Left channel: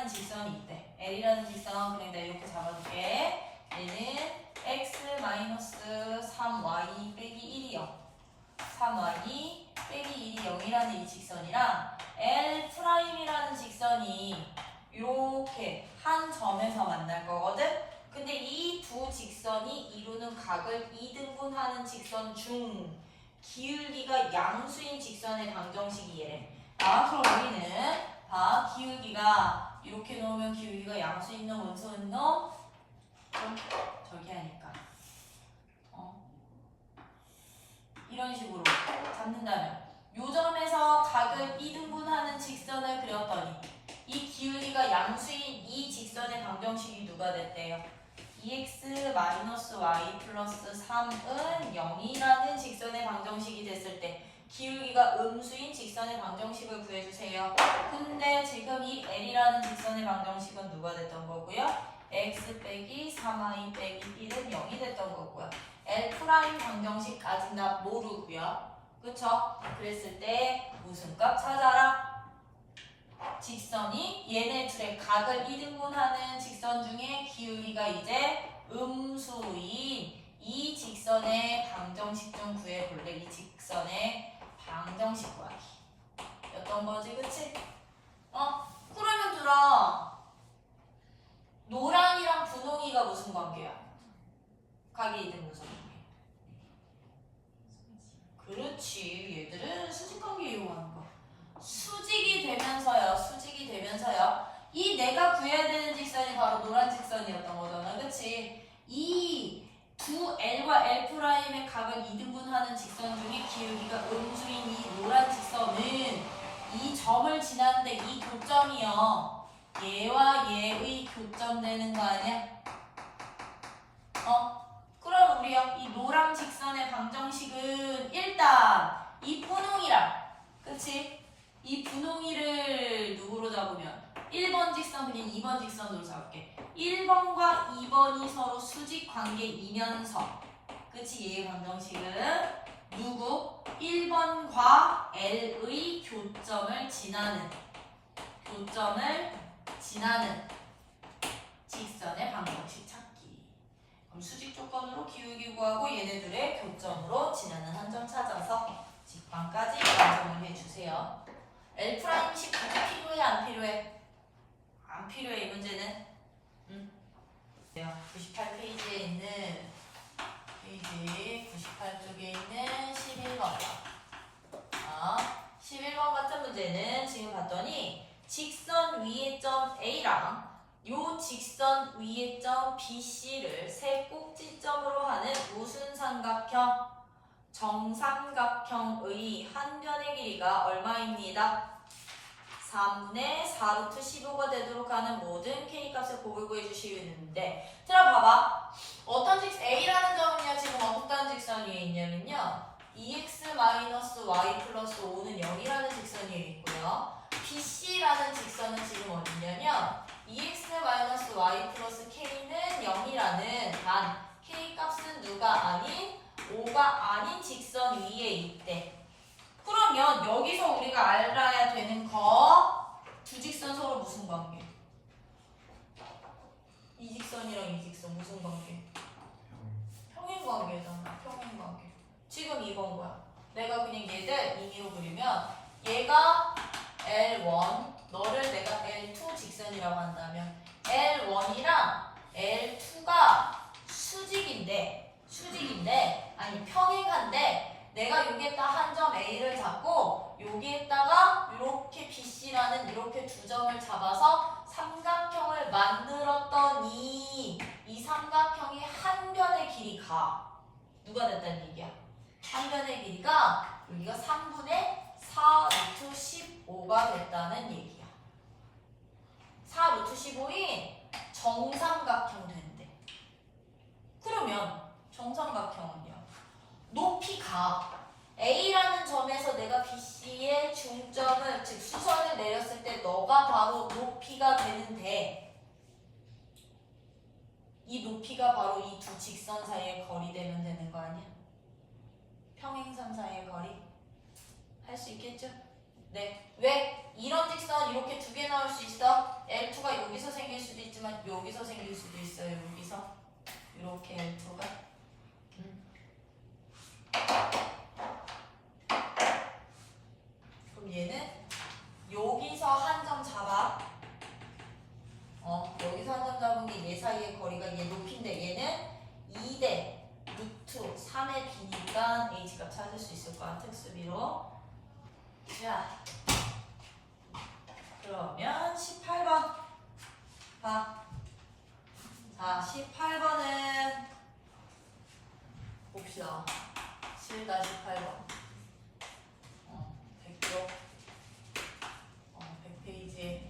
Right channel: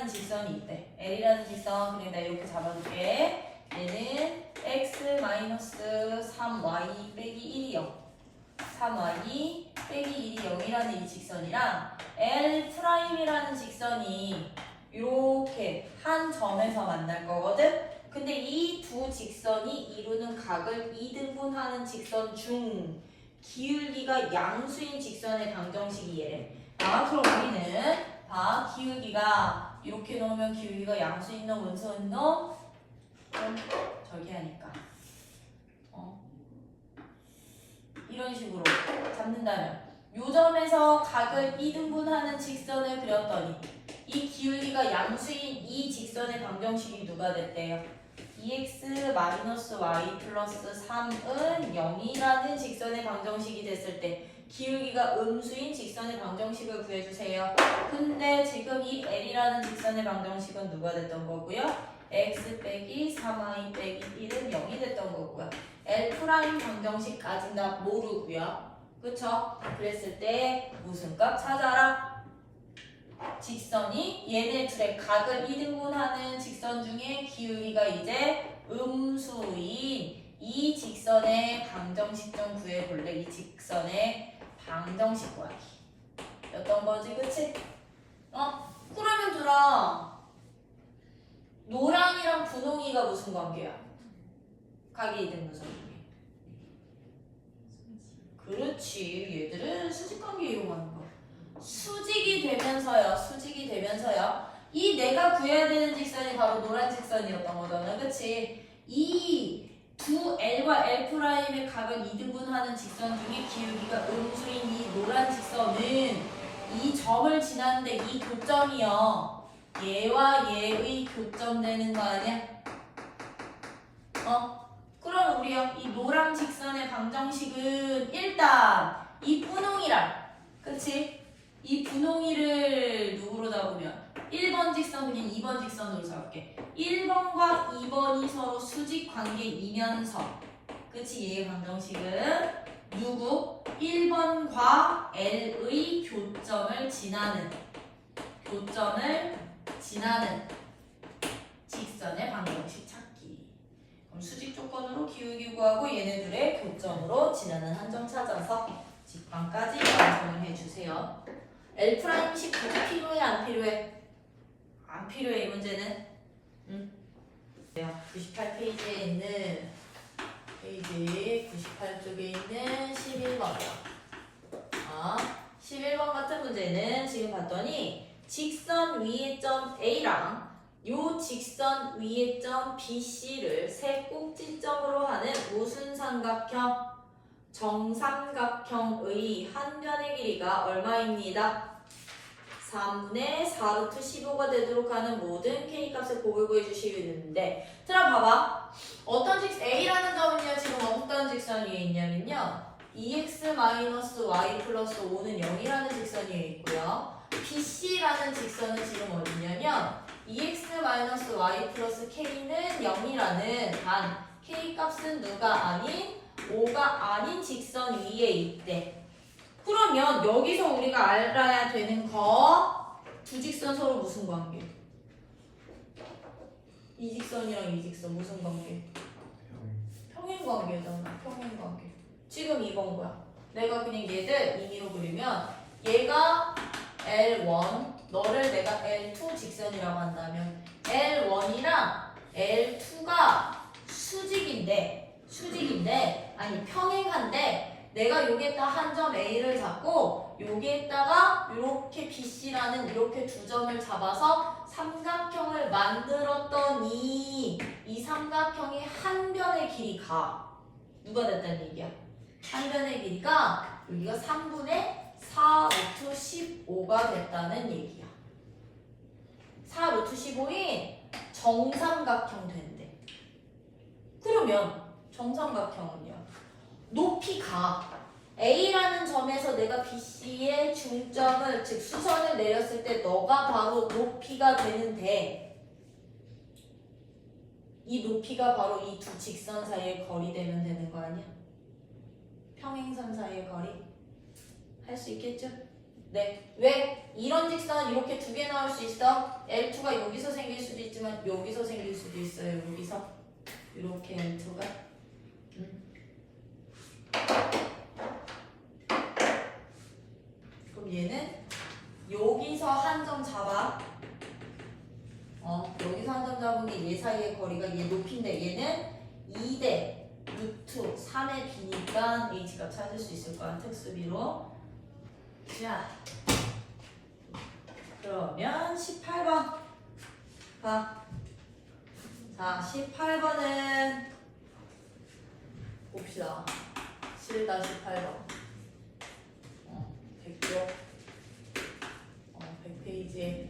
L이라는 직선이 있대. L이라는 직선 그냥 나 이렇게 잡아줄게. 얘는 x-3y 빼기 1이 0 3y 빼기 1이 0이라는 이 직선이랑 L'이라는 직선이 이렇게 한 점에서 만날 거거든? 근데 이 두 직선이 이루는 각을 2등분하는 직선 중 기울기가 양수인 직선의 방정식이 얘래. 그럼 우리는 기울기가 이렇게 놓으면 기울기가 양수인 놈, 원소인 놈 저기 하니까 이런 식으로 잡는다면 요 점에서 각을 2등분하는 직선을 그렸더니 이 기울기가 양수인 이 직선의 방정식이 누가 됐대요? 2x-y 플러스 3은 0이라는 직선의 방정식이 됐을 때 기울기가 음수인 직선의 방정식을 구해주세요. 근데 지금 이 L이라는 직선의 방정식은 누가 됐던 거고요? x 빼기 3y 빼기 1은 0이 됐던 거고요. L' 방정식까지는 다 모르고요. 그쵸? 그랬을 때 무슨 값 찾아라? 직선이 얘네 둘의 각을 2등분하는 직선 중에 기울기가 이제 음수인 이 직선의 방정식 좀 구해볼래? 이 직선의 방정식 구하기 였던 거지, 그치? 그러면 들어 노랑이랑 분홍이가 무슨 관계야? 각이 2등분선 중에. 그렇지, 얘들은 수직관계 이용하는 거야. 수직이 되면서요. 이 내가 구해야 되는 직선이 바로 노란 직선이었던 거잖아, 그치? 이 두 L과 L'의 각을 2등분하는 직선 중에 기울기가 음수인 이 노란 직선은 이 점을 지났는데 이 교점이요. 얘와 얘의 교점되는 거 아니야? 그럼 우리요, 이 노랑 직선의 방정식은 일단 이 분홍이랑, 그치? 이 분홍이를 누구로 잡으면 1번 직선 그냥 2번 직선으로 잡을게. 1번과 2번이 서로 수직 관계이면서, 그치? 얘의 방정식은 누구? 1번과 L의 교점을 지나는 직선의 방정식 찾기. 그럼 수직 조건으로 기울기 구하고 얘네 둘의 교점으로 지나는 한 점 찾아서 직방까지 완성을 해주세요. L'식 필요해 안 필요해? 안 필요해. 이 문제는 98페이지에 있는 페이지 98쪽에 있는 11번이요. 11번 같은 문제는 지금 봤더니 직선 위의 점 A랑 요 직선 위의 점 BC를 세 꼭지점으로 하는 무슨 삼각형? 정삼각형의 한 변의 길이가 얼마입니다? 3분의 4루트 15가 되도록 하는 모든 K값을 곱을 구해주시는데, 들어봐봐. 어떤 A라는 점은요, 지금 어떤 직선 위에 있냐면요, 2x-y 플러스 5는 0이라는 직선 위에 있고요. BC라는 직선은 지금 어디냐면 2x-y 플러스 K는 0이라는 단 K값은 누가 아닌 5가 아닌 직선 위에 있대. 그러면 여기서 우리가 알아야 되는 거 두 직선 서로 무슨 관계? 이 직선이랑 이 직선 무슨 관계? 평행관계잖아. 평행관계. 지금 이건 뭐야? 내가 그냥 얘들 임의로 그리면 얘가 L1, 너를 내가 L2 직선이라고 한다면 L1이랑 L2가 수직인데 아니 평행한데 내가 여기에다 한 점 A를 잡고 여기에다가 이렇게 BC라는 이렇게 두 점을 잡아서 삼각형을 만들었더니 이 삼각형의 한 변의 길이가 누가 됐다는 얘기야? 한 변의 길이가 여기가 3분의 4루트 15가 됐다는 얘기야. 4루트 15인 정삼각형 된대. 그러면 정삼각형은요, 높이가 A라는 점에서 내가 BC의 중점을, 즉 수선을 내렸을 때 너가 바로 높이가 되는데, 이 높이가 바로 이 두 직선 사이의 거리 되면 되는 거 아니야? 평행선 사이의 거리 할 수 있겠죠? 네. 왜? 이런 직선 이렇게 두 개 나올 수 있어. L2가 여기서 생길 수도 있지만 여기서 생길 수도 있어요. 여기서. 이렇게 L2가. 그럼 얘는 여기서 한 점 잡아. 여기서 한 점 잡은 게 얘 사이의 거리가 얘 높이인데 얘는 2대 루트 3의 비니까 H값 찾을 수 있을 거야. 특수비로. 자, 그러면 18번 봐. 자, 18번은 봅시다. 7-18번 100쪽 100페이지에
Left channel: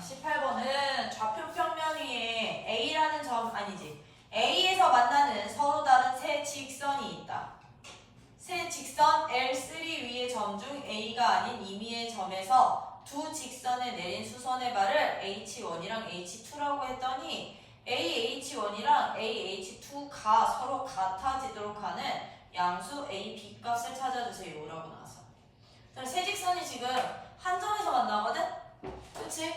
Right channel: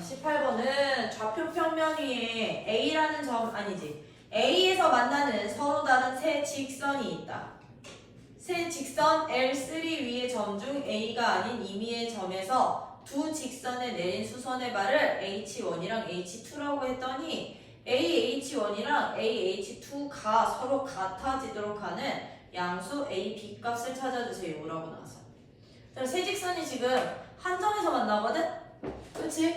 18번은 좌표 평면 위에 A라는 점 아니지 A에서 만나는 서로 다른 세 직선이 있다. 세 직선 L3 위의 점 중 A가 아닌 임의의 점에서 두 직선에 내린 수선의 발을 H1이랑 H2라고 했더니 AH1이랑 AH2가 서로 같아지도록 하는 양수 A, B 값을 찾아주세요 라고 나왔어. 세 직선이 지금 한 점에서 만나거든? 그치?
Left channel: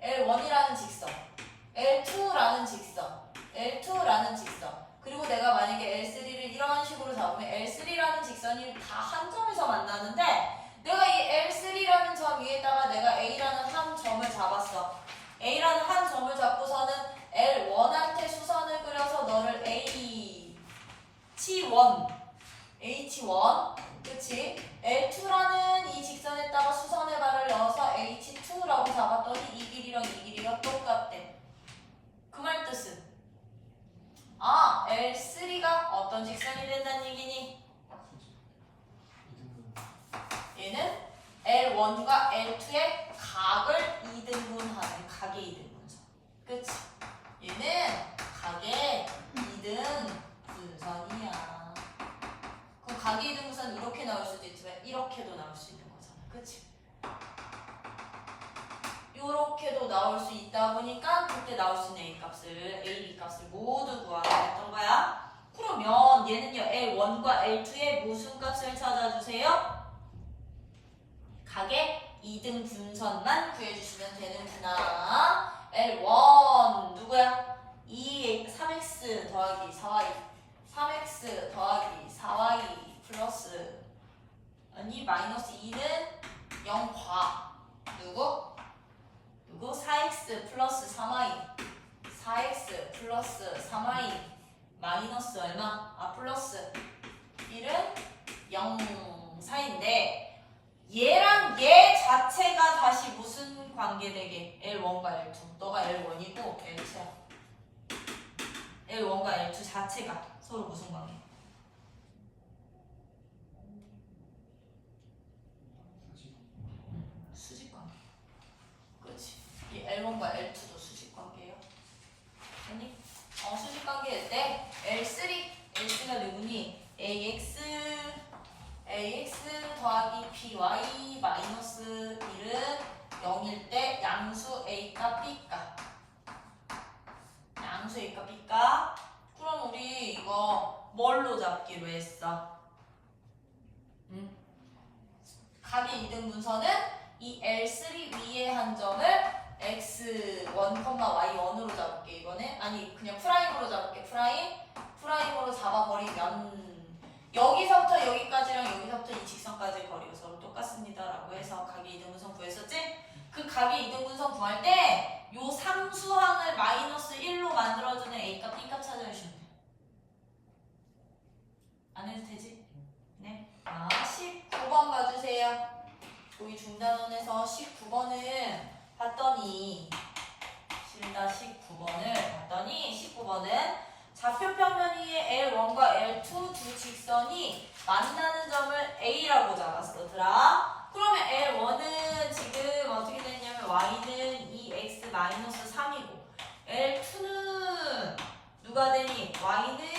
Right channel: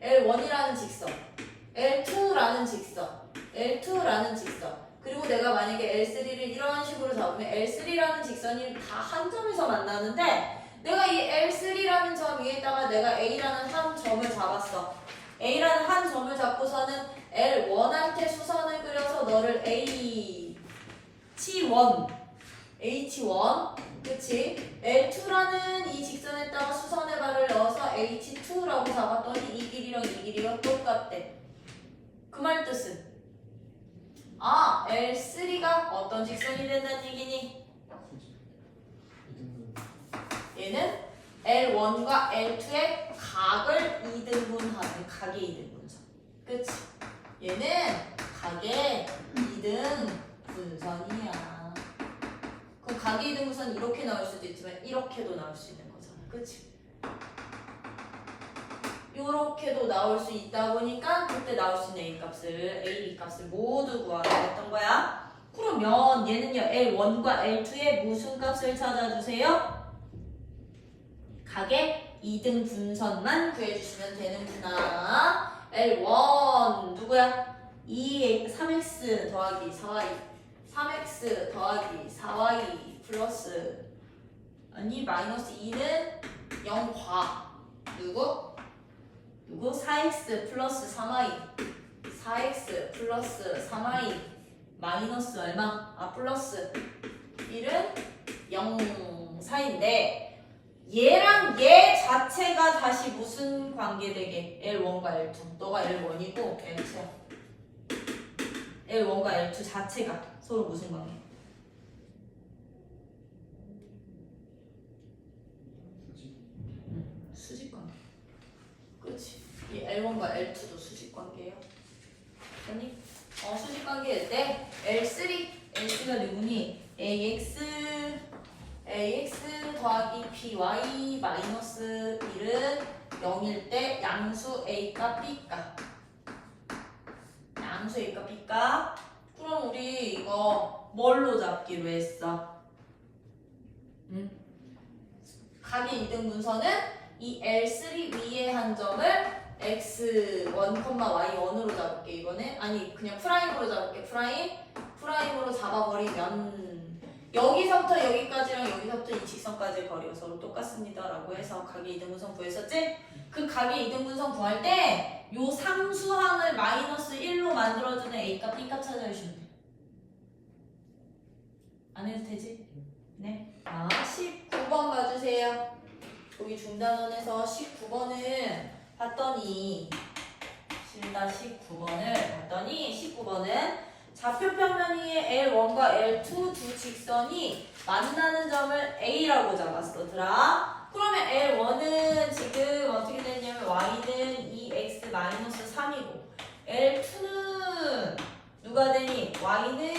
L1이라는 직선, L2라는 직선, L2라는 직선. 그리고 내가 만약에 L3를 이런 식으로 잡으면 L3라는 직선이 다 한 점에서 만나는데 내가 이 L3라는 점 위에다가 내가 A라는 한 점을 잡았어. A라는 한 점을 잡고서는 L1한테 수선을 그려서 너를 H1 그치? L2라는 이 직선에다가 수선의 발을 넣어서 H2라고 잡았더니 이 길이랑 이 길이가 똑같대. 그 말 뜻은 L3가 어떤 직선이 된다는 얘기니? 얘는 L1과 L2의 각을 2등분하는 각의 2등분선. 그치? 얘는 각의 2등분선이야. 그럼 각의 2등분선 이렇게 나올 수도 있지만 이렇게도 나올 수 있는 거잖아. 그치? 이렇게도 나올 수 있다 보니까 그때 나올 수 있는 A 값을 모두 구하라고 했던 거야. 그러면 얘는요 L1과 L2의 무슨 값을 찾아주세요? 각의 2등 분선만 구해주시면 되는구나. L1 누구야? 3x 더하기 4y 3x 더하기 4y 플러스 아니 마이너스 2는 0과 누구? 4x 플러스 3y 4x 플러스 3y 마이너스 얼마? 플러스 1은 0 사이인데 얘랑 얘 자체가 다시 무슨 관계되게? L1과 L2 너가 L1이고 L2야. L1과 L2 자체가 서로 무슨 관계? 수직 관계. 그렇지. 이 L1과 L2도 수직 관계야. 아니? 수직 관계일 때 L3가 누구니? AX 더하기 BY 마이너스 1은 0일 때 양수 A값 B값. 양수 A값 B값. 그럼 우리 이거 뭘로 잡기로 했어? 각의 2등분선은 이 L3 위에 한 점을 X1, Y1으로 잡을게 이번에. 아니 그냥 프라임으로 잡을게. 프라임으로 잡아버리면 여기서부터 여기까지랑 여기서부터 이 직선까지의 거리가 서로 똑같습니다 라고 해서 각의 2등분선 구했었지? 그 각의 2등분선 구할 때 요 상수항을 마이너스 1로 만들어주는 A값, B값 찾아주시면 돼. 안 해도 되지? 네. 19번 봐주세요. 여기 중단원에서 19번은 봤더니 19번은 좌표 평면 위에 L1과 L2 두 직선이 만나는 점을 A라고 잡았어. 그러면 L1은 지금 어떻게 되냐면 Y는 2x-3이고 L2는 누가 되니? Y는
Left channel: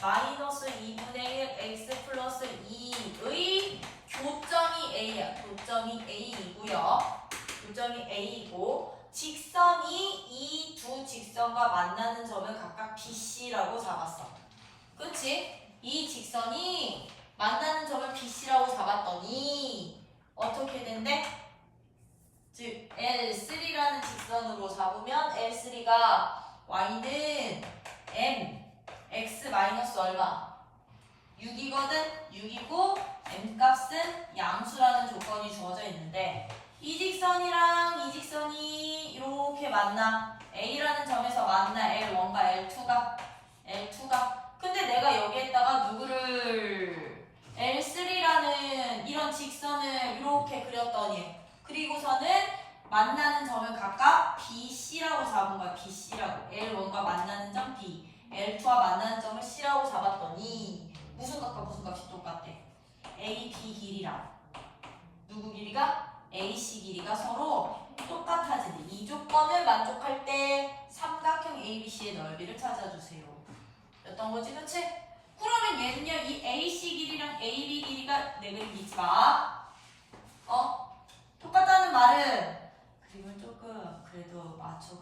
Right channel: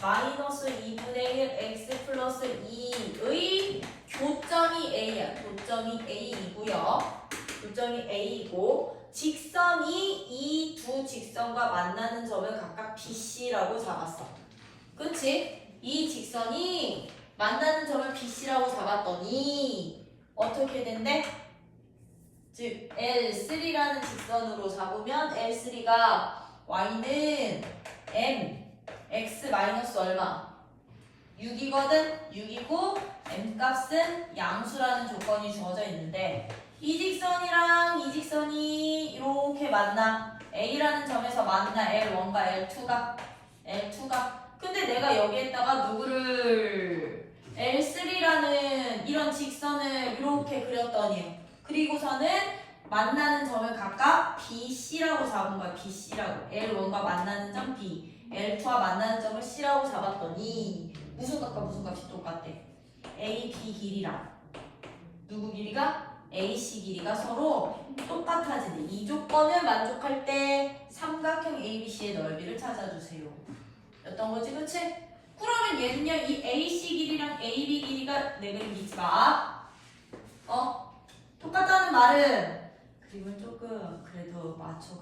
마이너스 2분의 1 x 플러스 2의 교점이 A야. 교점이 A이고요. 교점이 A이고 직선이 이 두 직선과 만나는 점을 각각 BC라고 잡았어. 그치? 이 직선이 만나는 점을 BC라고 잡았더니 어떻게 된대? 즉 L3라는 직선으로 잡으면 L3가 y는 m x 마이너스 얼마? 6이거든? 6이고 m 값은 양수라는 조건이 주어져 있는데 이 직선이랑 이 직선이 이렇게 만나 A라는 점에서 만나 L1과 L2가 근데 내가 여기에다가 누구를 L3라는 이런 직선을 이렇게 그렸더니 그리고서는 만나는 점을 각각 BC라고 잡은 거야. BC라고. L1과 만나는 점 B, L2와 만나는 점을 C라고 잡았더니 무슨 값과 무슨 값이 똑같대? AB 길이랑 누구 길이가? AC 길이가 서로 똑같아지네. 이 조건을 만족할 때 삼각형 ABC의 넓이를 찾아주세요. 였던 거지, 그치? 그러면 얘는요, 이 AC 길이랑 AB 길이가 내 그림이지만 똑같다는 말은 그림을 조금 그래도 맞춰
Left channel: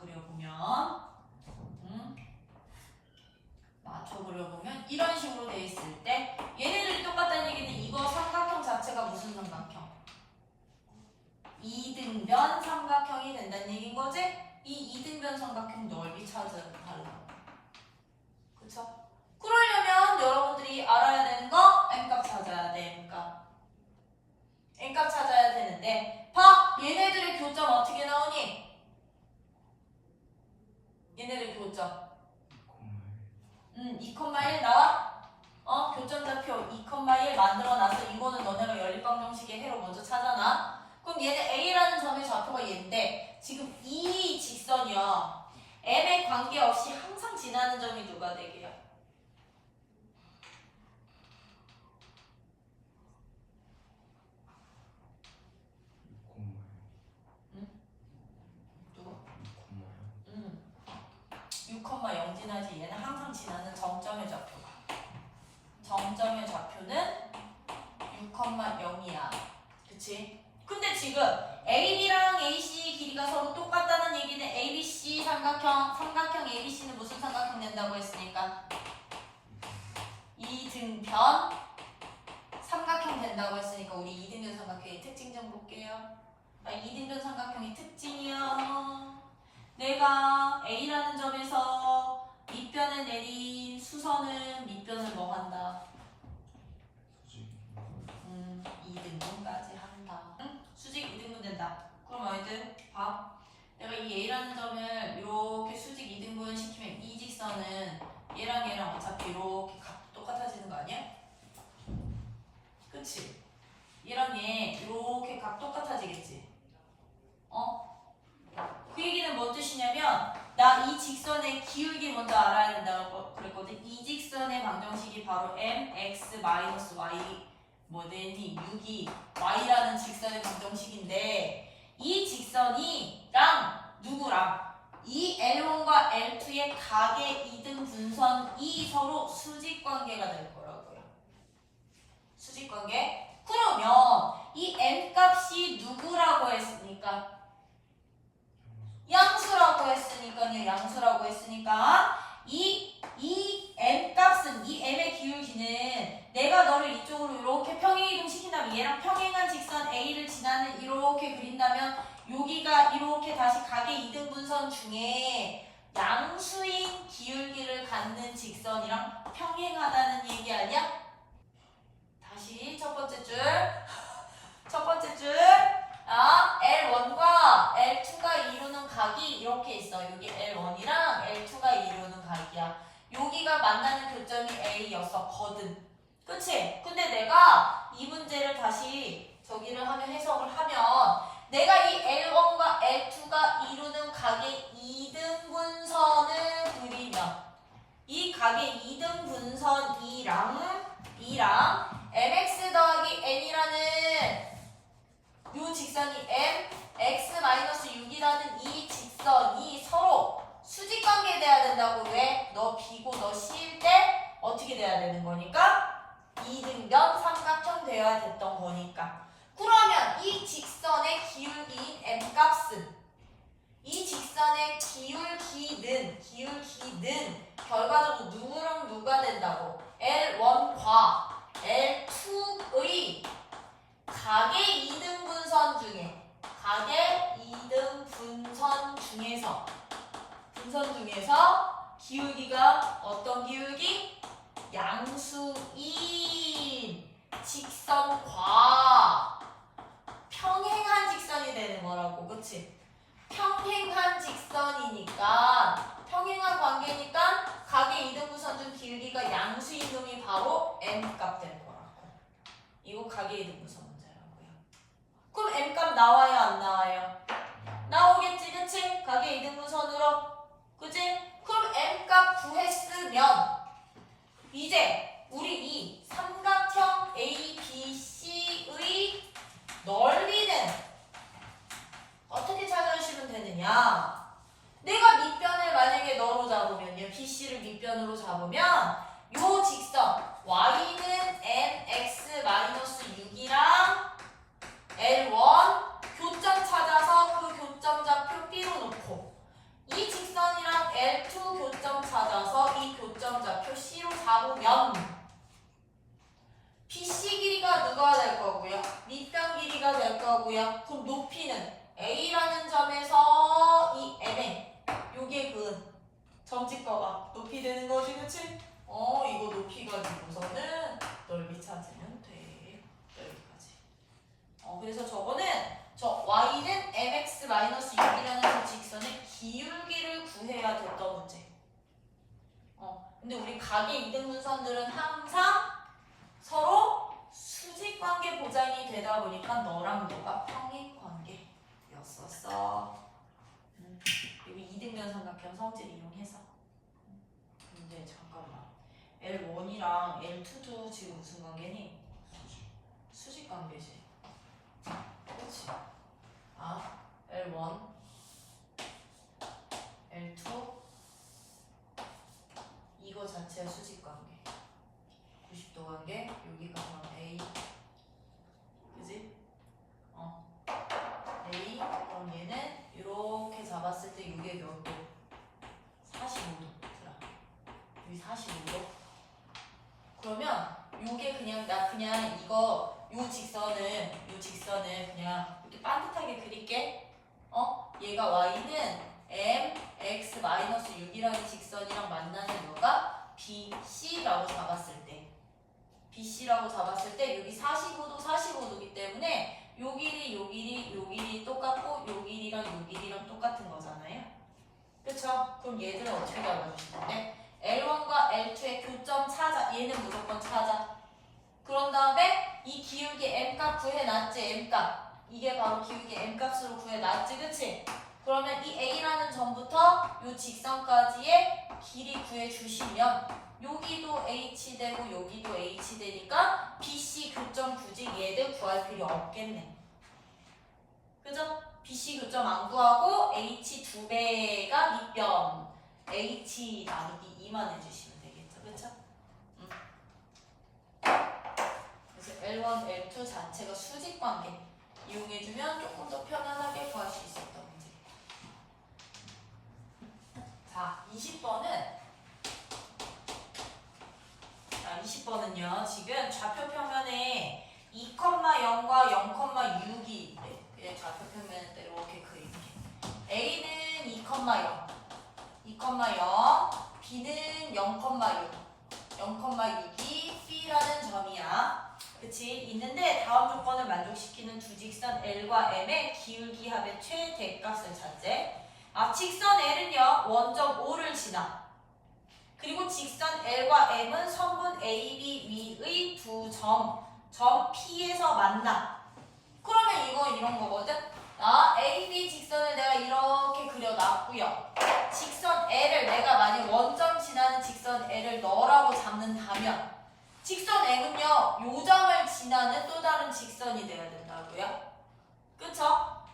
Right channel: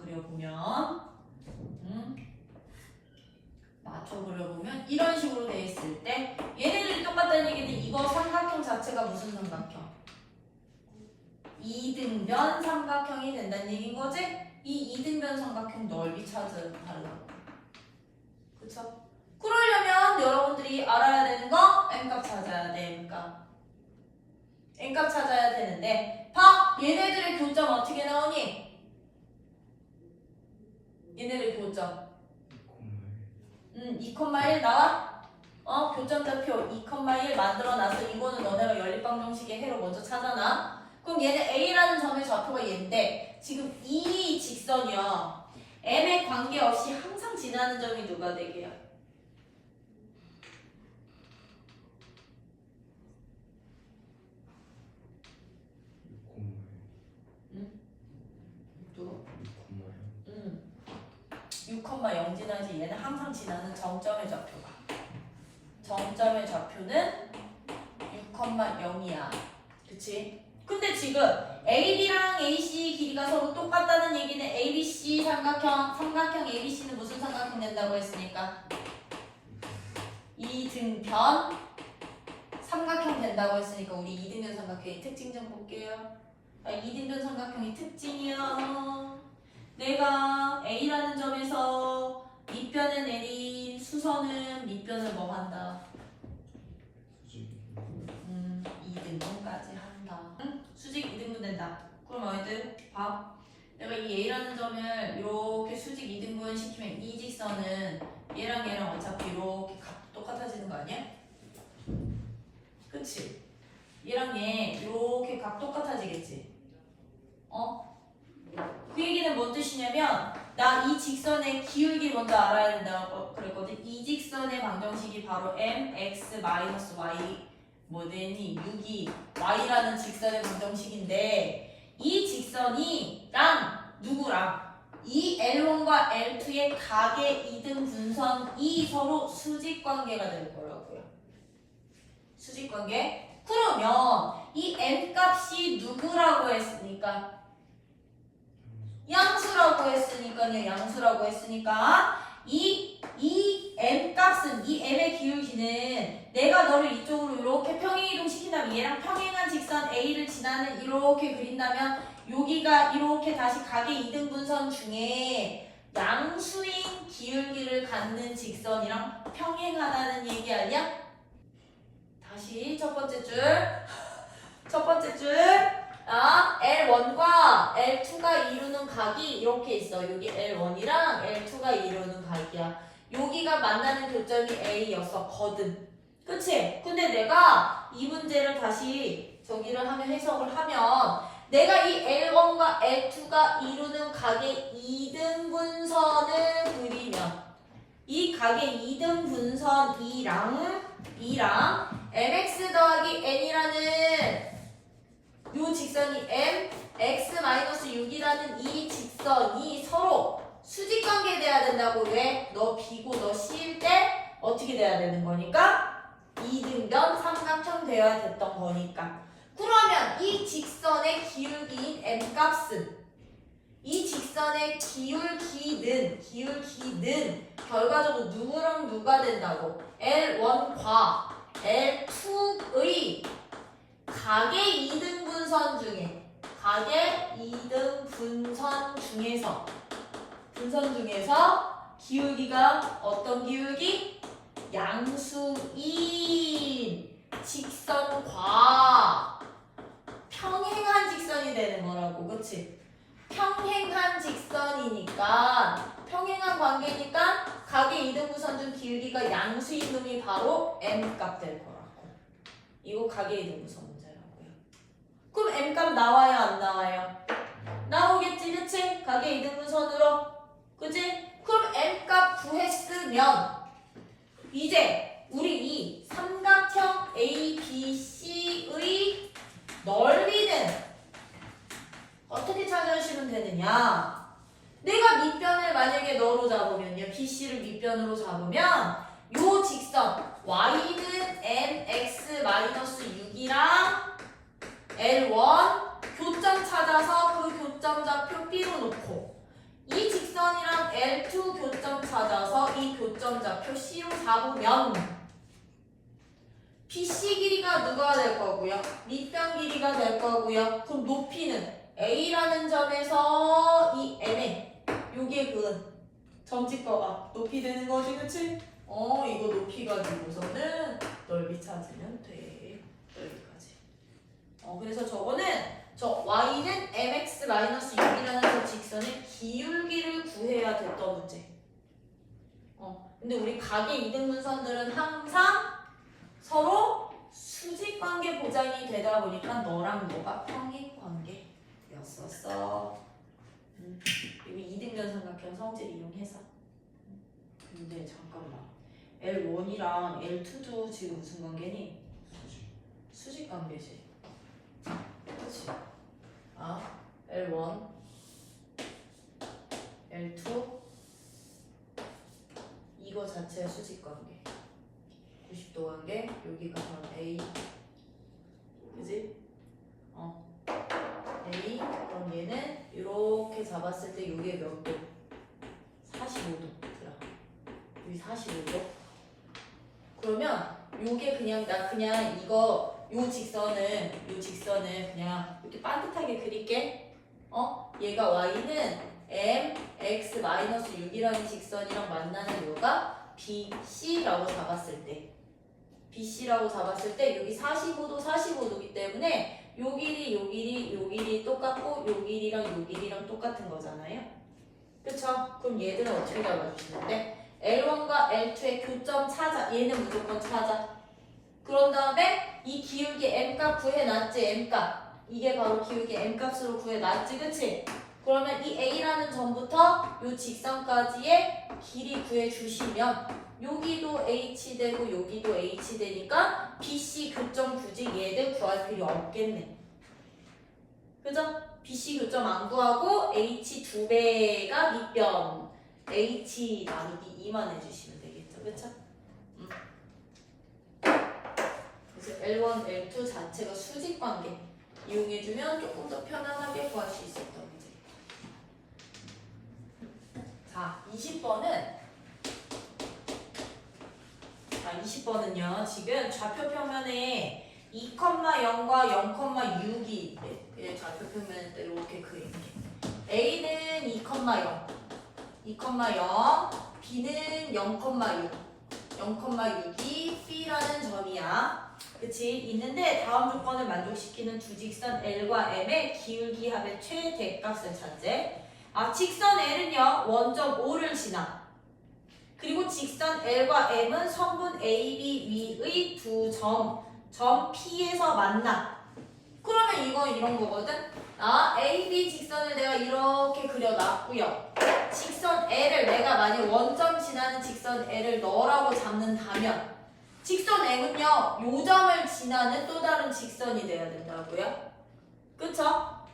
그려보면 이런 식으로 돼 있을 때 얘네들이 똑같다는 얘기는 이거 삼각형 자체가 무슨 삼각형? 이등변 삼각형이 된다는 얘기인 거지? 이 이등변 삼각형 넓이 찾아달라고. 그쵸? 그러려면 여러분들이 알아야 되는 거 M값 찾아야 돼. M값 찾아야 되는데 봐! 얘네들의 교점 어떻게 나오니? 얘네들 교점 2,1 나와? 교점 좌표 2,1 만들어놔서 이거는 너네가 연립방정식의 해로 먼저 찾아놔. 그럼 얘네 A라는 점의 좌표가 얘인데 지금 이 직선이요 M에 관계없이 항상 지나는 점이 누가 되게요? 누구? 6,0 지나지. 얘는 항상 지나는 정점의 좌표가. 정점의 좌표는 6,0이야. 그치? 근데 지금 AB랑 AC 길이가 서로 똑같다는 얘기는 ABC 삼각형 ABC는 무슨 삼각형 된다고 했으니까? 이등변 삼각형 된다고 했으니까 우리 이등변 삼각형의 특징 좀 볼게요. 이등변 삼각형의 특징이야. 내가 A라는 점에서 밑변에 내린 수선은 밑변을 뭐 한다? 이등분까지 한다. 수직 이등분 된다. 그럼 어디들? 봐. 내가 이 A라는 점을 이렇게 수직 이등분 시키면 이 직선은 얘랑 얘랑 어차피 이렇게 값 똑같아지는 거 아니야? 그치? 얘랑 얘 이렇게 값 똑같아지겠지? 그 얘기는 뭔 뜻이냐면 나 이 직선의 기울기 먼저 알아야 된다고 그랬거든. 이 직선의 방정식이 바로 mx-y 뭐되니 6이 y라는 직선의 방정식인데 이 직선이랑 누구랑 이 L1과 L2의 각의 이등 분선이 서로 수직관계가 될 거라고요. 수직관계? 그러면 이 m값이 누구라고 했으니까? 양수라고 했으니까 이 m값은 이 m의 기울기는 내가 너를 이쪽으로 이렇게 평행 이동시킨다면 얘랑 평행한 직선 A를 지나는 이렇게 그린다면 여기가 이렇게 다시 각의 이등분선 중에 양수인 기울기를 갖는 직선이랑 평행하다는 얘기 아니야? 다시 첫 번째 줄 L1과 L2가 이루는 각이 이렇게 있어. 여기 L1이랑 L2가 이루는 각이야. 여기가 만나는 교점이 A였었거든. 그치? 근데 내가 이 문제를 다시 저기를 하면 해석을 하면 내가 이 L1과 L2가 이루는 각의 이등분선을 그리면 이 각의 이등분선 이랑 mx 더하기 n이라는 요 직선이 m, x-6이라는 이 직선이 서로 수직관계 돼야 된다고. 왜? 너 B고 너 C일 때 어떻게 돼야 되는 거니까? 이등변 삼각형 돼야 됐던 거니까. 그러면 이 직선의 기울기인 m값은 이 직선의 기울기는 결과적으로 누구랑 누가 된다고? L1과 L2의 각의 2등분선 중에 분선 중에서 기울기가 어떤 기울기? 양수인 직선과 평행한 직선이 되는 거라고, 그치? 평행한 직선이니까 평행한 관계니까 각의 2등분선 중 기울기가 양수인 놈이 바로 m값 될 거라고. 이거 각의 2등분선 문제라고요. 그럼 m값 나와요 안 나와요? 나오겠지, 그치? 각의 2등분선으로, 그치? 그럼 m값 구했으면 이제 우리 이 삼각형 ABC의 넓이는 어떻게 찾아주시면 되느냐? 내가 밑변을 만약에 너로 잡으면요, BC를 밑변으로 잡으면 요 직선 y는 mx-6이랑 L1 교점 찾아서 그 교점좌표 B로 놓고 이 직선이랑 L2 교점 찾아서 이 교점좌표 C로 잡으면 BC 길이가 누가 될 거고요? 밑변 길이가 될 거고요. 그럼 높이는 A라는 점에서 이 N에 요게 그 점집거가 높이 되는 거지, 그치? 이거 높이 가지고서는 넓이 찾으면 돼. 넓이까지. 그래서 저거는 저 y는 mx-6이라는 저 직선의 기울기를 구해야 됐던 문제. 근데 우리 각의 2등분선들은 항상 서로 수직관계 보장이 되다 보니까 너랑 너가 평행관계였었어. 여기 2등변 삼각형 성질 이용해서. 근데 잠깐만, L1이랑 L2도 지금 무슨 관계니? 수직관계지. 그렇지. L1, L2 이거 자체가 수직관계. 90도 관계. 여기가 그럼 A, 그지? A. 그럼 얘는 이렇게 잡았을 때 이게 몇 도? 45도. 여기 45도. 그러면 요게 그냥 요 직선은 그냥 이렇게 반듯하게 그릴게. 얘가 y는 mx-6이라는 직선이랑 만나는 요가 BC라고 잡았을 때 여기 45도이기 때문에 요 길이 똑같고 요 길이랑 똑같은 거잖아요. 그쵸? 그럼 얘들은 어떻게 잡아주시는데 L1과 L2의 교점 찾아. 얘는 무조건 찾아. 그런 다음에 이 기울기 m값 구해놨지, m값. 이게 바로 기울기 m값으로 구해놨지, 그치? 그러면 이 A라는 점부터 이 직선까지의 길이 구해주시면 여기도 H 되고 여기도 H 되니까 BC 교점 굳이 얘들 구할 필요 없겠네. 그죠? BC 교점 안 구하고 H 2배가 밑변 H 나누기 2만 해주시면 되겠죠, 그쵸? 그래서 L1, L2 자체가 수직관계 이용해주면 조금 더 편안하게 구할 수 있었던 문제. 자, 20번은요, 지금 좌표 평면에 2,0과 0,6이 그냥 좌표 평면에 이렇게 그릴게. A는 2,0, B는 0,6, 0,6이 B라는 점이야. 그치? 있는데 다음 조건을 만족시키는 두 직선 L과 M의 기울기 합의 최대값을 찾재. 직선 L은요, 원점 O를 지나. 그리고 직선 L과 M은 선분 AB 위의 두 점 P에서 만나. 그러면 이건 이런 거거든. AB 직선을 내가 이렇게 그려놨고요. 직선 L을 내가 만약 원점 지나는 직선 L을 너라고 잡는다면 직선 M은요, 요 점을 지나는 또 다른 직선이 돼야 된다고요. 그쵸?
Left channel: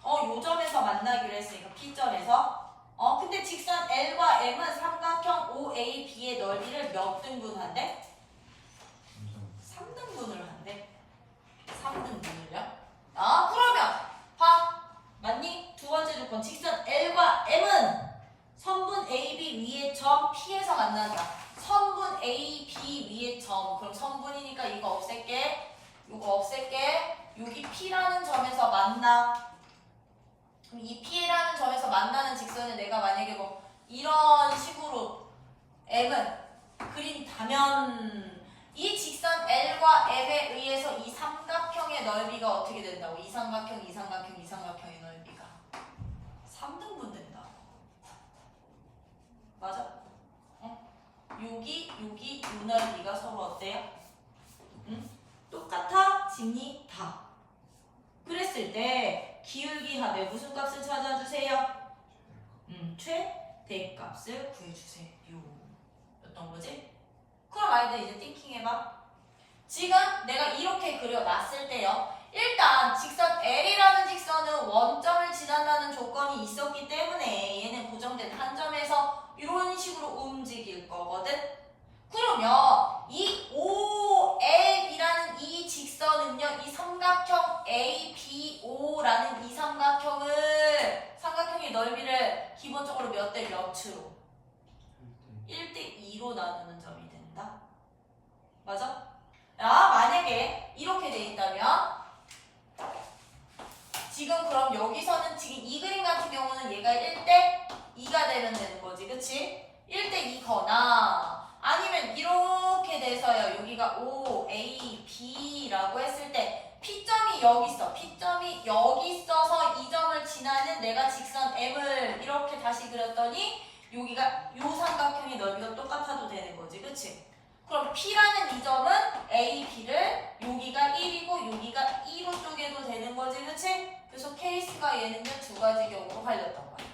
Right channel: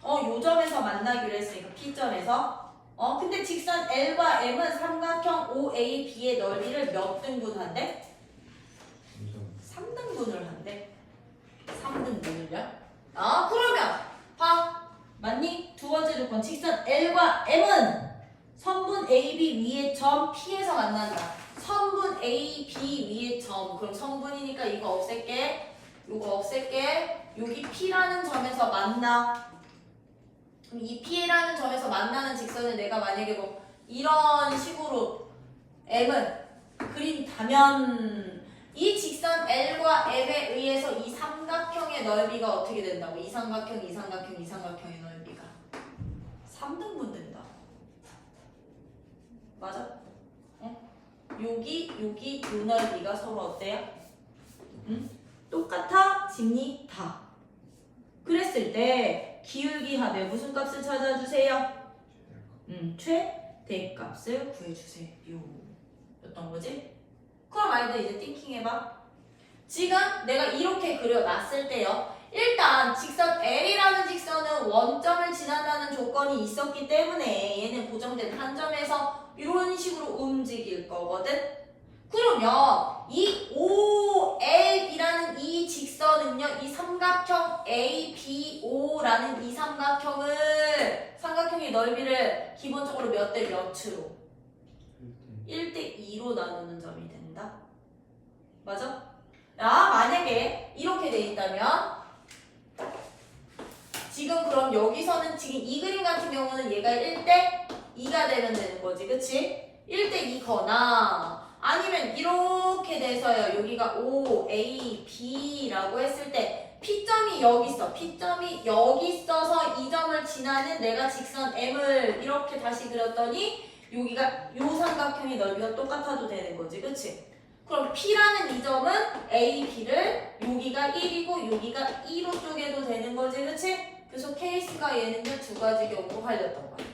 요 점에서 만나기로 했으니까 P점에서. 근데 직선 L과 M은 삼각형 OAB의 넓이를 몇 등분한대? 3등분을 한대. 3등분을요? 그러면 봐. 맞니? 두 번째 조건. 직선 L과 M은 선분 AB 위에 점 P에서 만난다. 선분 A, B 위에 점. 그럼 선분이니까 이거 없앨게. 이거 없앨게. 여기 P라는 점에서 만나. 그럼 이 P라는 점에서 만나는 직선을 내가 만약에 뭐 이런 식으로 M은 그린다면 이 직선 L과 M에 의해서 이 삼각형의 넓이가 어떻게 된다고? 이 삼각형의 넓이가 3등분 된다. 맞아? 어? 여기 요 넓이가 서로 어때요? 응? 똑같아집니다. 그랬을 때 기울기 합의 무슨 값을 찾아주세요? 최대값을 구해주세요. 였던 거지? 그럼 아이들 이제 띵킹해봐. 지금 내가 이렇게 그려놨을 때요. 일단 직선 L이라는 직선은 원점을 지나가는 조건이 있었기 때문에 얘는 고정된 한 점에서 이런 식으로 움직일 거거든. 그러면 이 OL이라는 이 직선은요, 이 삼각형 ABO라는 이 삼각형의 넓이를 기본적으로 몇 대 몇으로? 1대 2로 나누는 점이 된다. 맞아? 야, 만약에 이렇게 돼 있다면 지금 그럼 여기서는 지금 이 그림 같은 경우는 얘가 1대 2가 되는 거지, 그치? 1대 2거나 아니면 이렇게 돼서요. 여기가 O, A, B라고 했을 때 P점이 여기 있어. P점이 여기 있어서 이 점을 지나는 내가 직선 M을 이렇게 다시 그렸더니 여기가 요 삼각형의 넓이가 똑같아도 되는 거지. 그치? 그럼 P라는 이 점은 A, B를 여기가 1이고 여기가 2로 쪼개도 되는 거지. 그치? 그래서 케이스가 얘는요 두 가지 경우로 갈렸던 거야.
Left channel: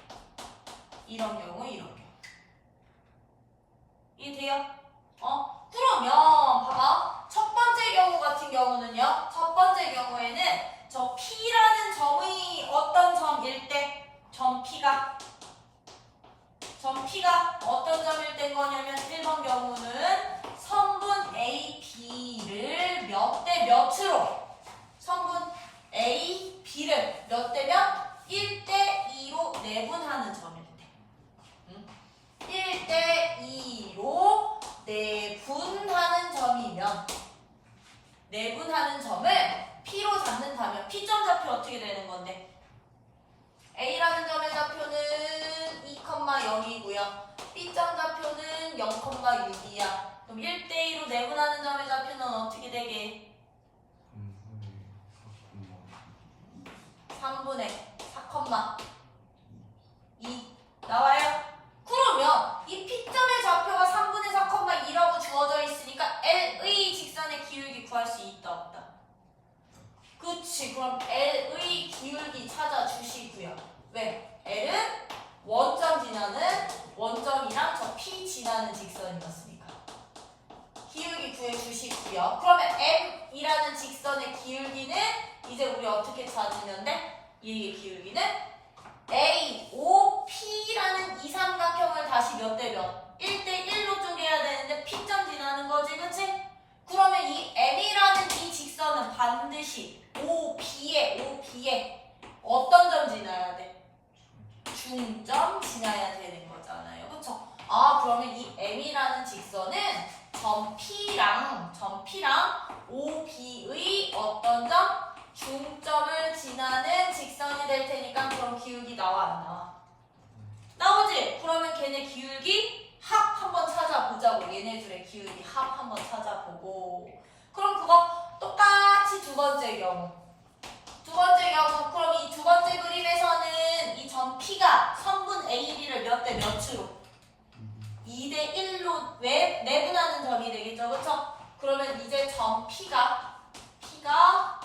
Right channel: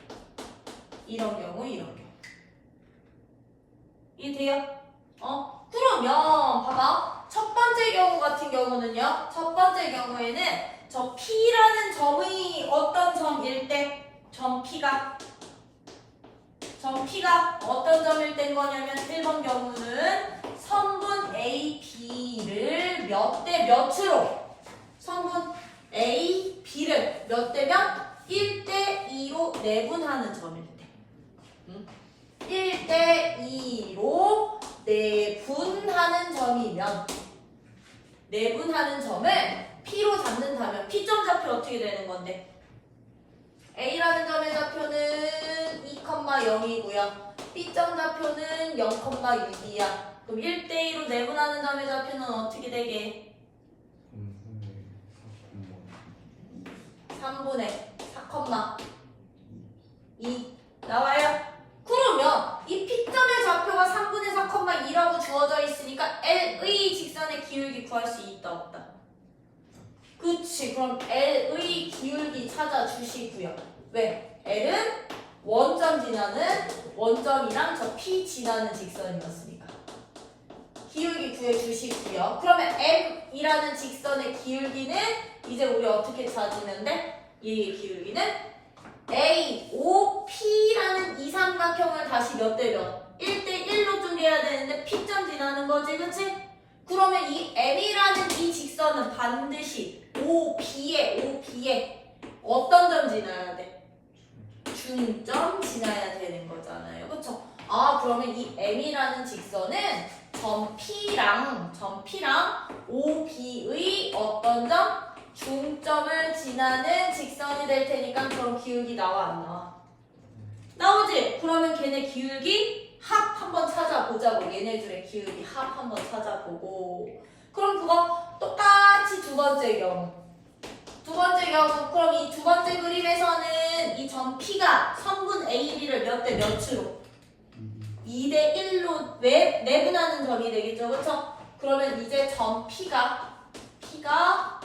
이런 경우, 이런 경우. 이해돼요? 그러면 봐봐. 첫 번째 경우 같은 경우는요. 첫 번째 경우에는 저 P라는 점의 어떤 점일 때? 점 P가 어떤 점일 때인 거냐면 1번 경우는 선분 A, B를 몇 대 몇으로 선분 A, B를 몇 대 몇? 1대 2로 내분하는 점일 때 1대 2로 내분하는 점이면 내분하는 점을 P로 잡는다면 P점 좌표 어떻게 되는 건데? A라는 점의 좌표는 2,0이고요. B점 좌표는 0,6이야. 그럼 1대2로 내분하는 점의 좌표는 어떻게 되게? 3분의 4,2 나와요? 그러면 이 P점의 좌표가 3분의 4,2라고 주어져 있으니까 L의 직선의 기울기 구할 수 있다 없다? 그치. 그럼 L의 기울기 찾아주시고요. 왜? L은 원점 지나는 원점이랑 저 P 지나는 직선이었으니까 기울기 구해주시고요. 그러면 M이라는 직선의 기울기는 이제 우리 어떻게 찾았는데 이 기울기는 A, O, P라는 이 삼각형을 다시 몇 대 몇? 1대 1로 쪼개야 되는데 P점 지나는 거지, 그치? 그러면 이 M이라는 이 직선은 반드시 OB에 어떤 점 지나야 돼? 중점 지나야 되는 거잖아요. 그쵸? 그러면 이 M이라는 직선은 점 P랑 OB의 어떤 점? 중점을 지나는 직선이 될 테니까 그럼 기울기 나와 안 나와? 나오지? 그러면 걔네 기울기 합 한번 찾아보자고. 얘네들의 기울기 합 한번 찾아보고. 그럼 그거 똑같이 두 번째 경우 그럼 이 두 번째 그림에서는 이 점 P가 선분 A, B를 몇 대 몇으로? 2대 1로 내분하는 점이 되겠죠, 그렇죠? 그러면 이제 점 P가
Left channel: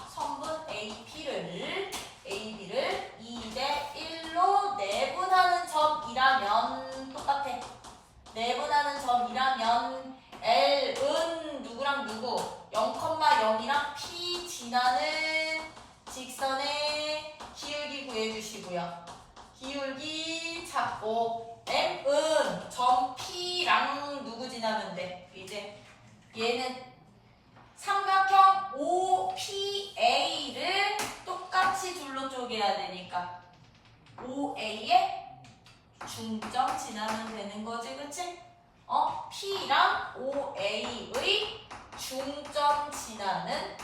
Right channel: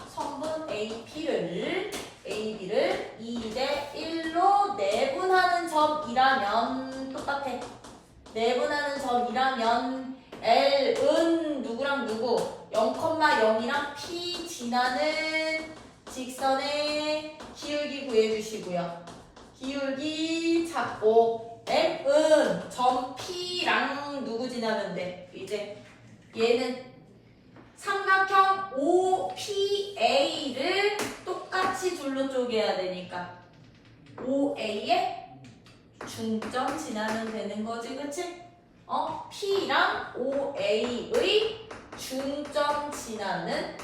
선분 A, B를 2대 1로 내분하는 점이라면 똑같아. 내분하는 점이라면 L은 누구랑 누구? 0,0이랑 P 지나는 직선의 기울기 구해주시고요. 기울기 찾고 M은 점 P랑 누구 지나는데 이제 얘는 삼각형 OPA를 똑같이 둘로 쪼개야 되니까 OA에 중점 지나면 되는 거지, 그치? P랑 OA의 중점 지나는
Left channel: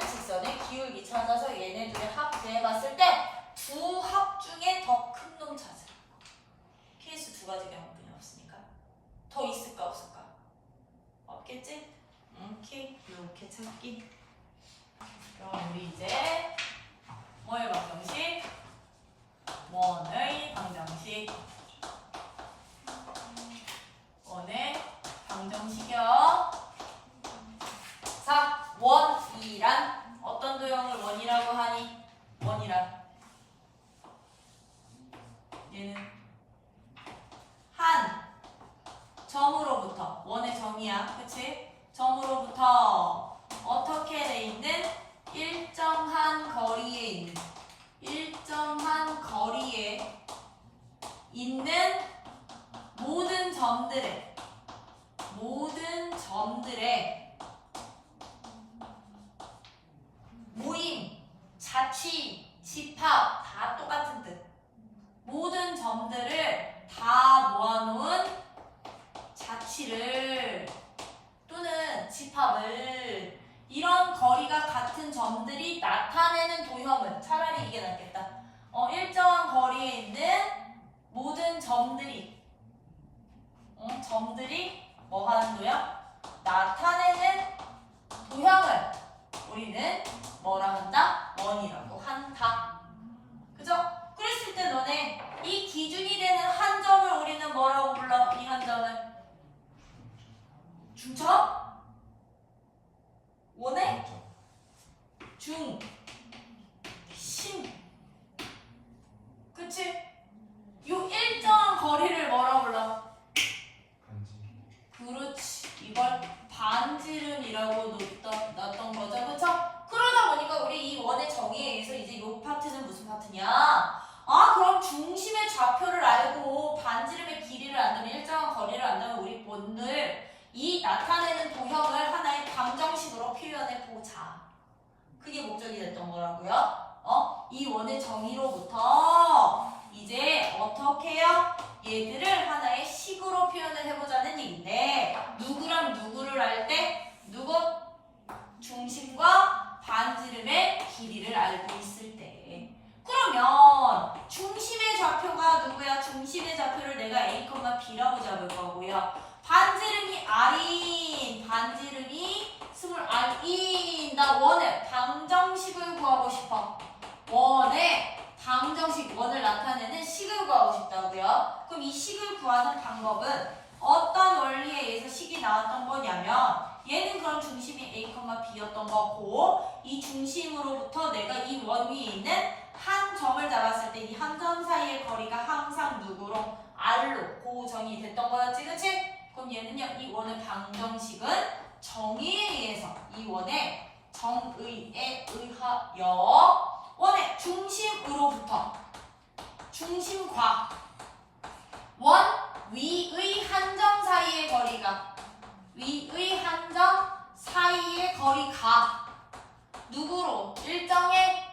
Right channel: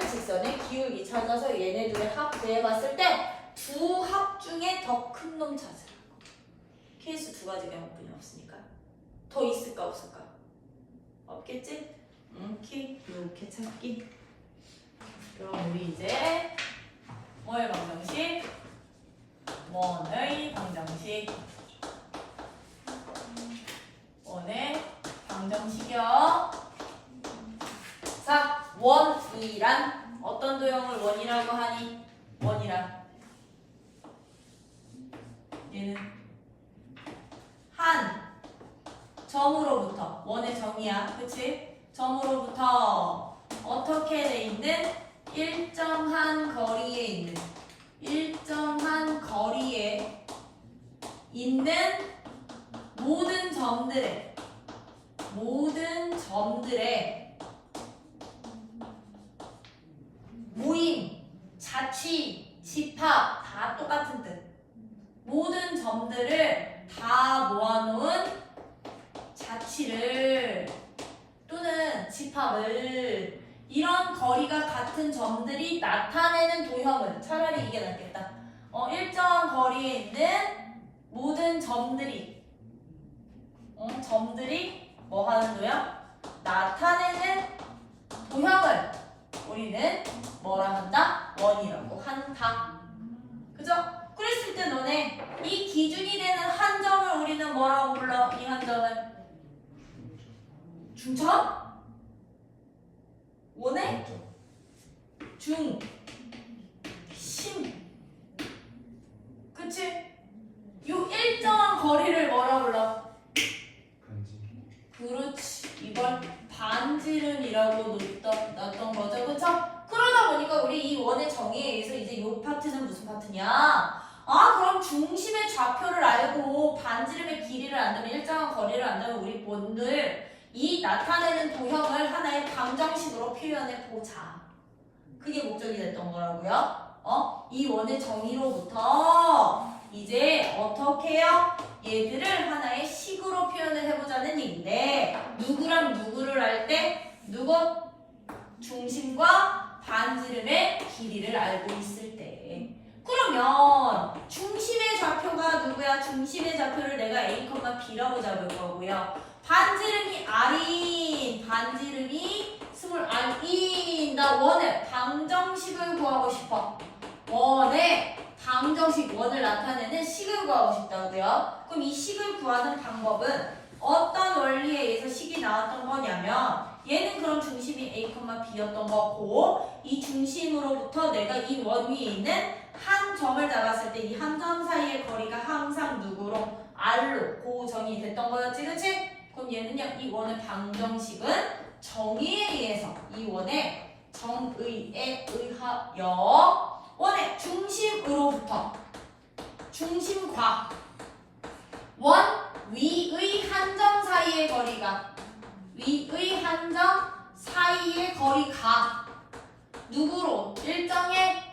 직선의 기울기 찾아서 얘네들을 합계해봤을 때 두 합 중에 더 큰 놈 찾으라. 케이스 두 가지 경우뿐이 없으니까 더 있을까 없을까? 없겠지? 이렇게 찾기. 그럼 우리 이제 뭐의 방정식? 원의 방정식. 원의 방정식이요. 자, 원이란 어떤 도형을 원이라고 하니? 원이란 얘는 한 점으로부터 원의 정의야, 그치? 점으로부터 어떻게 돼 있는 일정한 거리에 있는 모든 점들의 모임, 자취, 집합 다 똑같은 뜻. 모든 점들을 다 모아놓은 자취를 또는 집합을 이런 거리가 같은 점들이 나타내는 도형을 차라리 이게 낫겠다. 일정한 거리에 있는 모든 점들이 뭐 하는 도형? 나타내는 도형을 우리는 뭐라 한다? 원이라고 한다. 그죠? 그랬을 때 너네 이 기준이 되는 한 점을 우리는 뭐라고 불러? 이 한 점을 중점? 원의 중, 심. 그치? 요 일정한 거리를 뭐라고 불러? 그렇지. 이걸 반지름이라고 놨던 거죠. 그쵸? 그러다 보니까 우리 이 원의 정의에 의해서 이제 요 파트는 무슨 파트냐? 그럼 중심의 좌표를 알고 반지름의 길이를 안다면 일정한 거리를 안다면 우리 본들 이 나타내는 도형을 하나의 방정식으로 표현해 보자. 그게 목적이 됐던 거라고요. 이 원의 정의로부터 이제 어떻게 해요? 얘들을 하나의 식으로 표현을 해보자는 얘기인데 누구랑 누구를 할 때 누구? 중심과 반지름의 길이를 알고 있을 때 그러면 중심의 좌표가 누구야? 중심의 좌표를 내가 A, B라고 잡을 거고요. 반지름이 R인 반지름이 스몰 R인 나 원의 방정식을 구하고 싶어. 원의 방정식 원을 나타내는 식을 구하고 싶다고요. 그럼 이 식을 구하는 방법은 어떤 원리에 의해서 식이 나왔던 거냐면 얘는 그럼 중심이 A, B였던 거고 이 중심으로부터 내가 이 원 위에 있는 한 점을 잡았을 때 이 한 점 사이의 거리가 항상 누구로? R로 고정이 됐던 거였지, 그치? 그럼 얘는요, 이 원의 방정식은 정의에 의해서 이 원의 정의에 의하여 원의 중심으로부터 중심과 원 위의 한 점 사이의 거리가 누구로? 일정의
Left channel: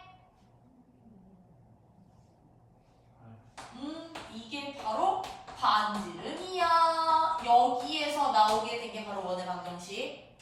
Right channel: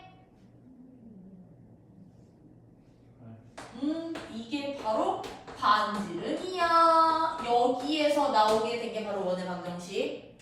이게 바로 반지름이야. 여기에서 나오게 된 게 바로 원의 방정식.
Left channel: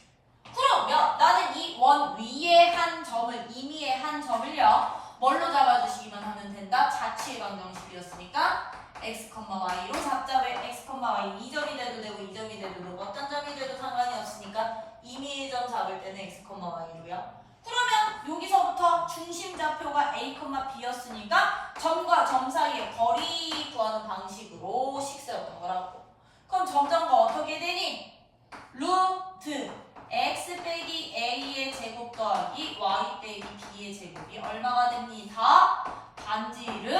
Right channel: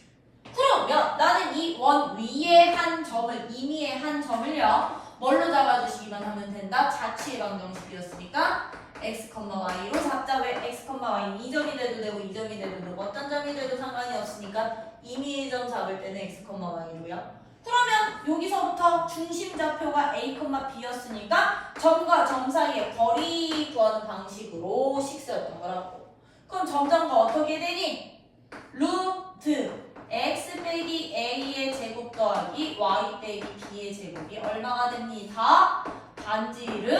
그러면 나는 이 원 위에 한 점을 임의의 한 점을요 뭘로 잡아주시기만 하면 된다? 자취의 방정식이었으니까 x, y로 잡자. 왜 x, y 2점이 돼도 되고 2점이 돼도 되고 어떤 점이 돼도 상관이 없으니까 임의의 점 잡을 때는 x, y로요. 그러면 여기서부터 중심 좌표가 A, B였으니까 점과 점 사이의 거리 구하는 방식으로 식수였던 거라고. 그럼 점점과 어떻게 되니? 루트 x 빼기 a의 제곱 더하기 y 빼기 b의 제곱이 얼마가 됩니다? 반지름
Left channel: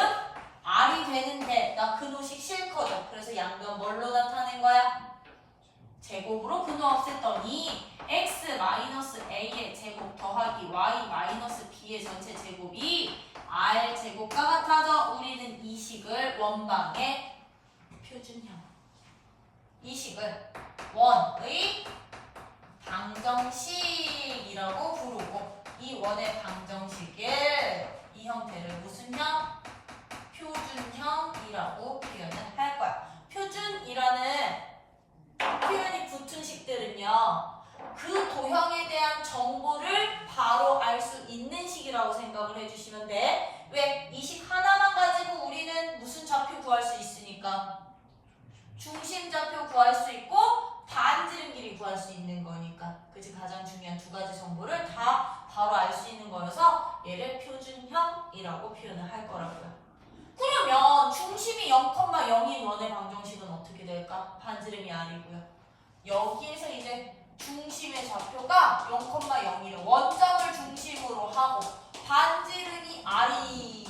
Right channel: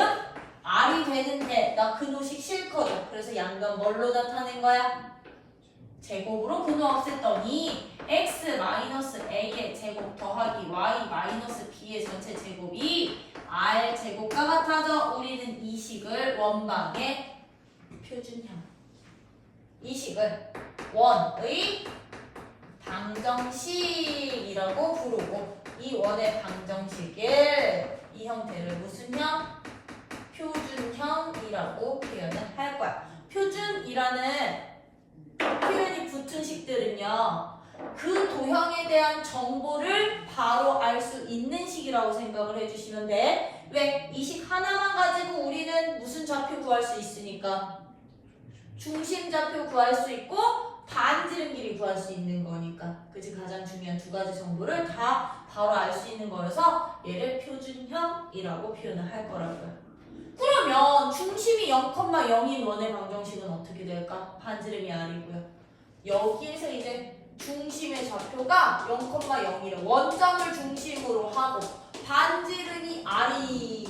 r이 되는데 나 근호식 싫거든. 그래서 양변 뭘로 나타낸 거야? 제곱으로 근호 없앴더니 x-a의 제곱 더하기 y-b의 전체 제곱이 r 제곱과 같아져. 우리는 이 식을 원방의 표준형, 이 식을 원의 방정식이라고 부르고 이 원의 방정식을 이 형태를 무슨 형? 표준형이라고 표현을 할 거야. 표준이라는 그 도형에 대한 정보를 바로 알 수 있는 식이라고 생각을 해주시면 돼. 왜? 이 식 하나만 가지고 우리는 무슨 좌표 구할 수 있으니까 중심 좌표 구할 수 있고 반지름 길이 구할 수 있는 거니까. 그치? 가장 중요한 두 가지 정보를 다 바로 알 수 있는 거여서 얘를 표준형이라고 표현을 할 거라고요. 그러면 중심이 0,0인 원의 방정식은 어떻게 될까? 반지름이 R이고요. 여기에서 이제 중심의 좌표가 0,0이래. 원점을 중심으로 하고 반지름이 R인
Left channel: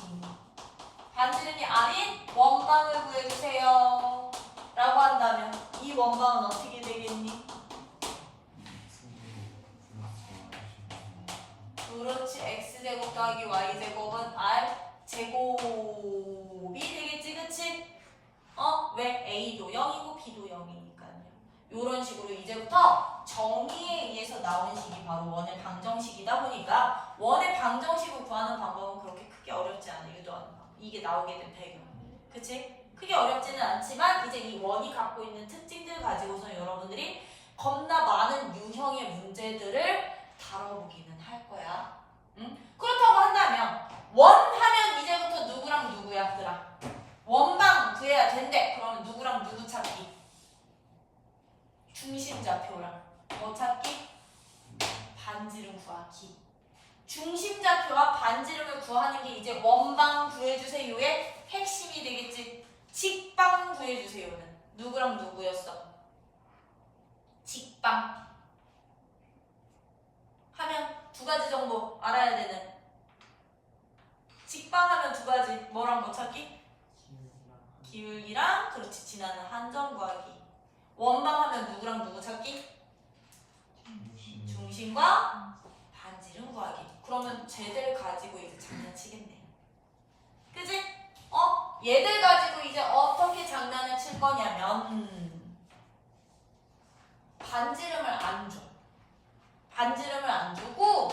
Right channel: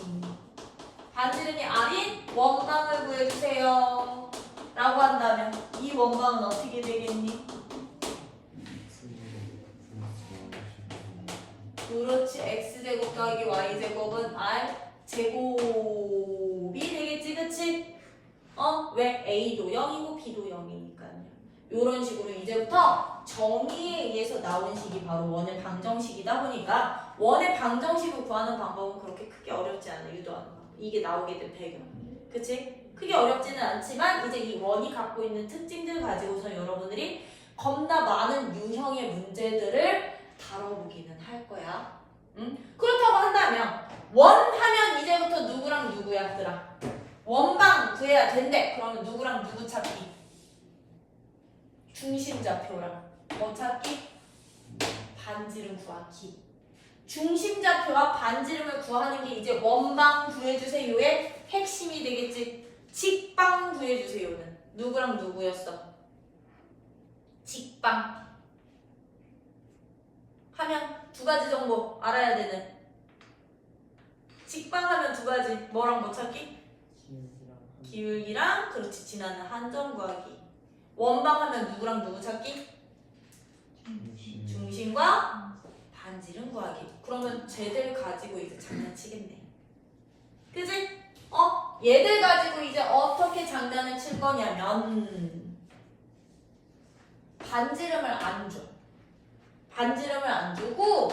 원방을 구해주세요 라고 한다면 이 원방은 어떻게 되겠니? 그렇지. x제곱 더하기 y제곱은 r제곱이 되겠지. 그치? 왜? a도 0이고 b도 0이니까요. 이런 식으로 이제부터 정의에 의해서 나온 식이 바로 원의 방정식이다 보니까 원의 방정식을 구하는 방법은 그렇게 크게 어렵지 않아요. 유도하는 방법. 이게 나오게 된 배경. 그치? 크게 어렵지는 않지만 이제 이 원이 갖고 있는 특징들을 가지고서 여러분들이 겁나 많은 유형의 문제들을 다뤄보기는 할 거야. 응? 그렇다고 한다면 원 하면 이제부터 누구랑 누구야? 들아 원방 구해야 된대. 그러면 누구랑 누구 찾기? 중심좌표랑 뭐 찾기? 반지름 구하기. 중심좌표와 반지름을 구하는 게 이제 원방 구해주세요의 핵심이 되겠지. 직방 구해주세요는 누구랑 누구였어? 직방 하면 두 가지 정도 알아야 되는. 직방하면 두 가지. 뭐랑 뭐 찾기? 기울기랑 그렇지 지나는 한점 구하기. 원방하면 누구랑 누구 찾기? 중심과 반지름 구하기. 그러면 쟤들 가지고 이제 장난치겠네. 그지? 얘들 가지고 이제 어떻게 장난을 칠 거냐면 반지름을 안 줘. 반지름을 안 주고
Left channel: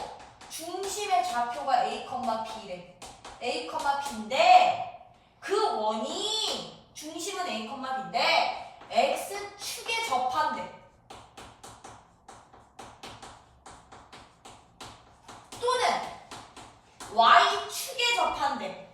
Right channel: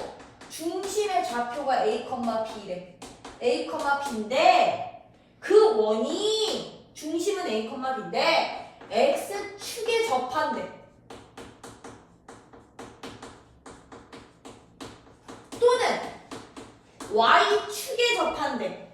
중심의 좌표가 A, B래. A, B인데 그 원이 중심은 A, B인데 X축에 접한대. 또는 Y축에 접한대.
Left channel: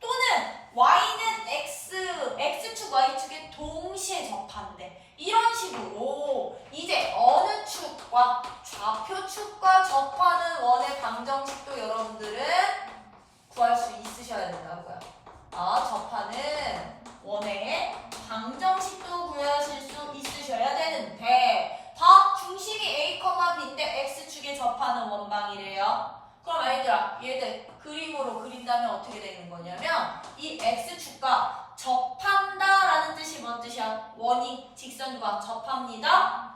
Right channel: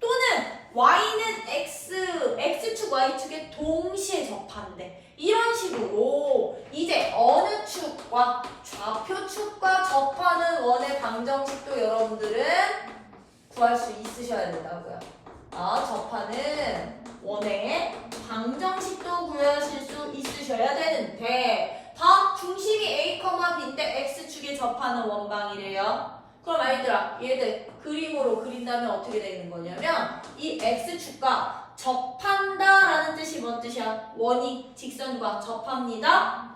또는 Y는 X축, Y축에 동시에 접한대. 이런 식으로 이제 어느 축과 좌표축과 접하는 원의 방정식도 여러분들은 구할 수 있으셔야 된다고요. 접하는 원의 방정식도 구하실 수 있으셔야 되는데 다 중심이 A, B인데 X축에 접하는 원방이래요. 그럼 얘들 그림으로 그린다면 어떻게 되는 거냐면 이 X축과 접한다라는 뜻이 뭔 뜻이야? 원이 직선과 접합니다.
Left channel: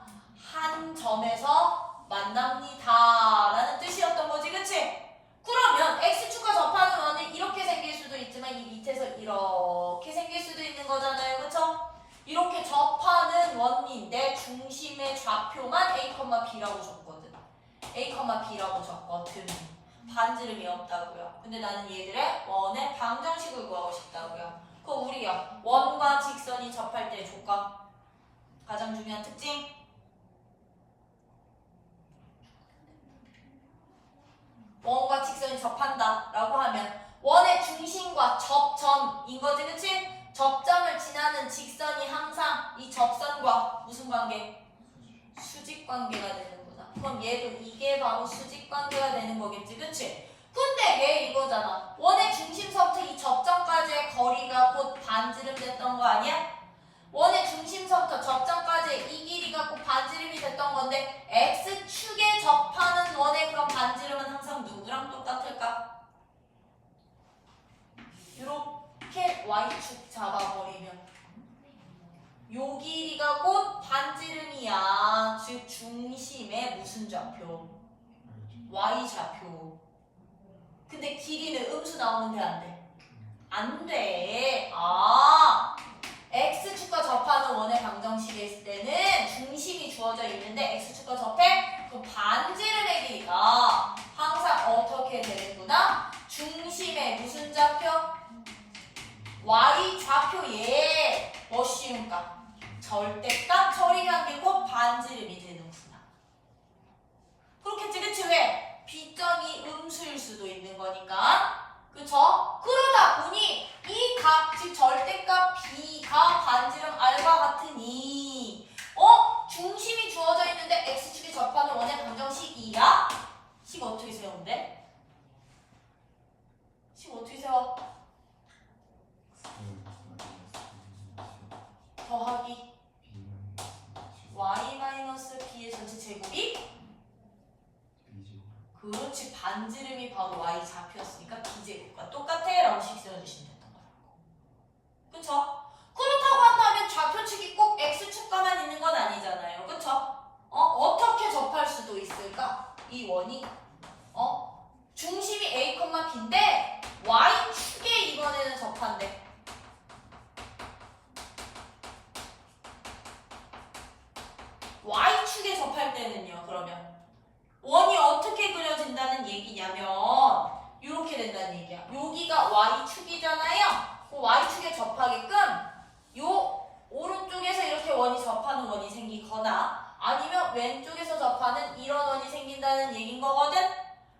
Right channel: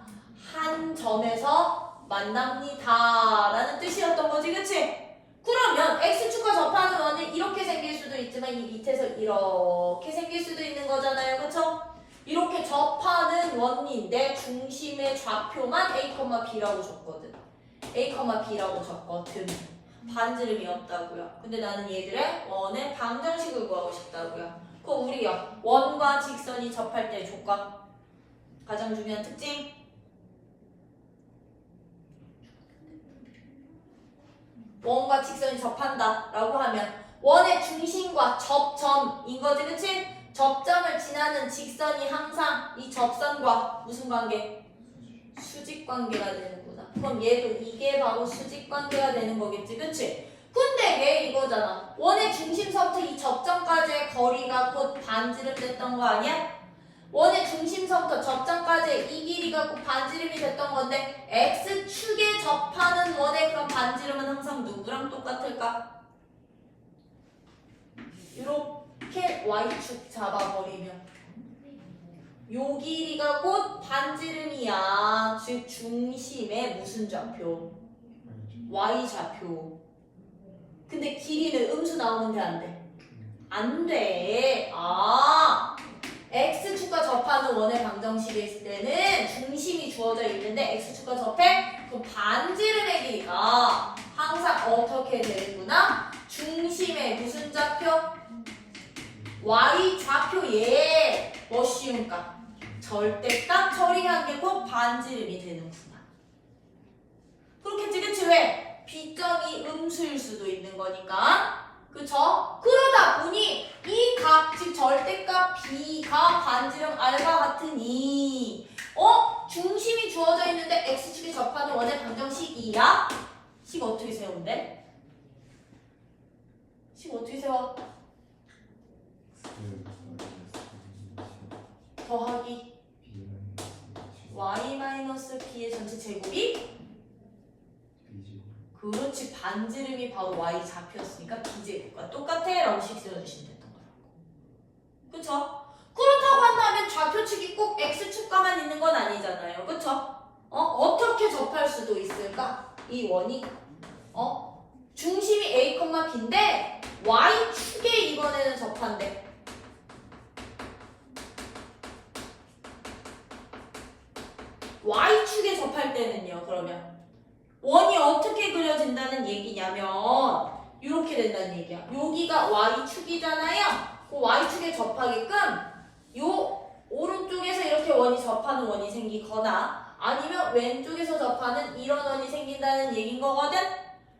한 점에서 만납니다 라는 뜻이었던 거지. 그치? 그러면 X축과 접하는 원은 이렇게 생길 수도 있지만 이 밑에서 이렇게 생길 수도 있는 거잖아요. 그쵸? 이렇게 접하는 원인데 중심의 좌표만 A, B라고 줬거든. A, B라고 줬거든. 반지름이 없다고요. 근데 나는 얘들의 원의 방정식을 구하고 싶다고요. 그럼 우리요. 원과 직선이 접할 때 조건. 가장 중요한 특징. 원과 직선이 접한다 라고 하면 원의 중심과 접점인 거지. 그치? 접점을 지나는 직선이 항상 이 접선과 무슨 관계? 수직 관계가 되는구나. 그럼 얘도 이게 바로 수직 관계가 되는 거겠지. 그치? 근데 얘 이거잖아. 원의 중심서부터 이 접점까지의 거리가 곧 반지름 됐던 거 아니야? 원의 중심서부터 접점까지 이 길이가 곧 반지름이 됐던 건데 X축에 접하는 원의 그럼 반지름은 항상 누구랑 똑같을까? 이렇게 Y축 잡아버리면 요 길이가 곧 반지름이야. 즉 중심의 무슨 좌표? Y좌표. 근데 길이는 음수 나오는데 안 돼? 안 돼. X축과 접하는 원의 방정식이 있을 때는 중심이 주어져 있는데 X축과 접해? 그럼 반지름의 길이가 항상 어떻게 되는구나? 중심의 무슨 좌표? Y좌표에 뭐 씌운가? 절대값 처리한 게 곧 반지름이 되는구나. 그렇겠지, 그치? 왜? B점이 음수일 수도 있는 거니까. 그쵸? 그러다 보니 이 값, 즉 절대값 B가 반지름 R과 같으니 중심이 주어져 있는데 X축이 접하는 원의 방정식이야? 식 어떻게 세운대? 식 어떻게 세워? 더하기 y-b의 전체 제곱이? 그렇지, 반지름이 바로 y 좌표였으니까 b제곱과 똑같아 라고 식 세워주시면 됐던 거라고. 그쵸? 그렇다고 한다면 좌표축이 꼭 x축가만 있는 건 아니잖아요. 그쵸? 어떻게 접할 수도 있을까? 이 원이 중심이 a, b인데 y축에 이번에는 접한대. y축에 접할 때는요, 그러면 원이 어떻게 그려진다는 얘기냐면 이렇게 된다는 얘기야. 여기가 y축이잖아요. 그 y축에 접하게끔 요 오른쪽에서 이렇게 원이 접하는 원이 생기거나 아니면 왼쪽에서 접하는 이런 원이 생긴다는 얘기인 거거든.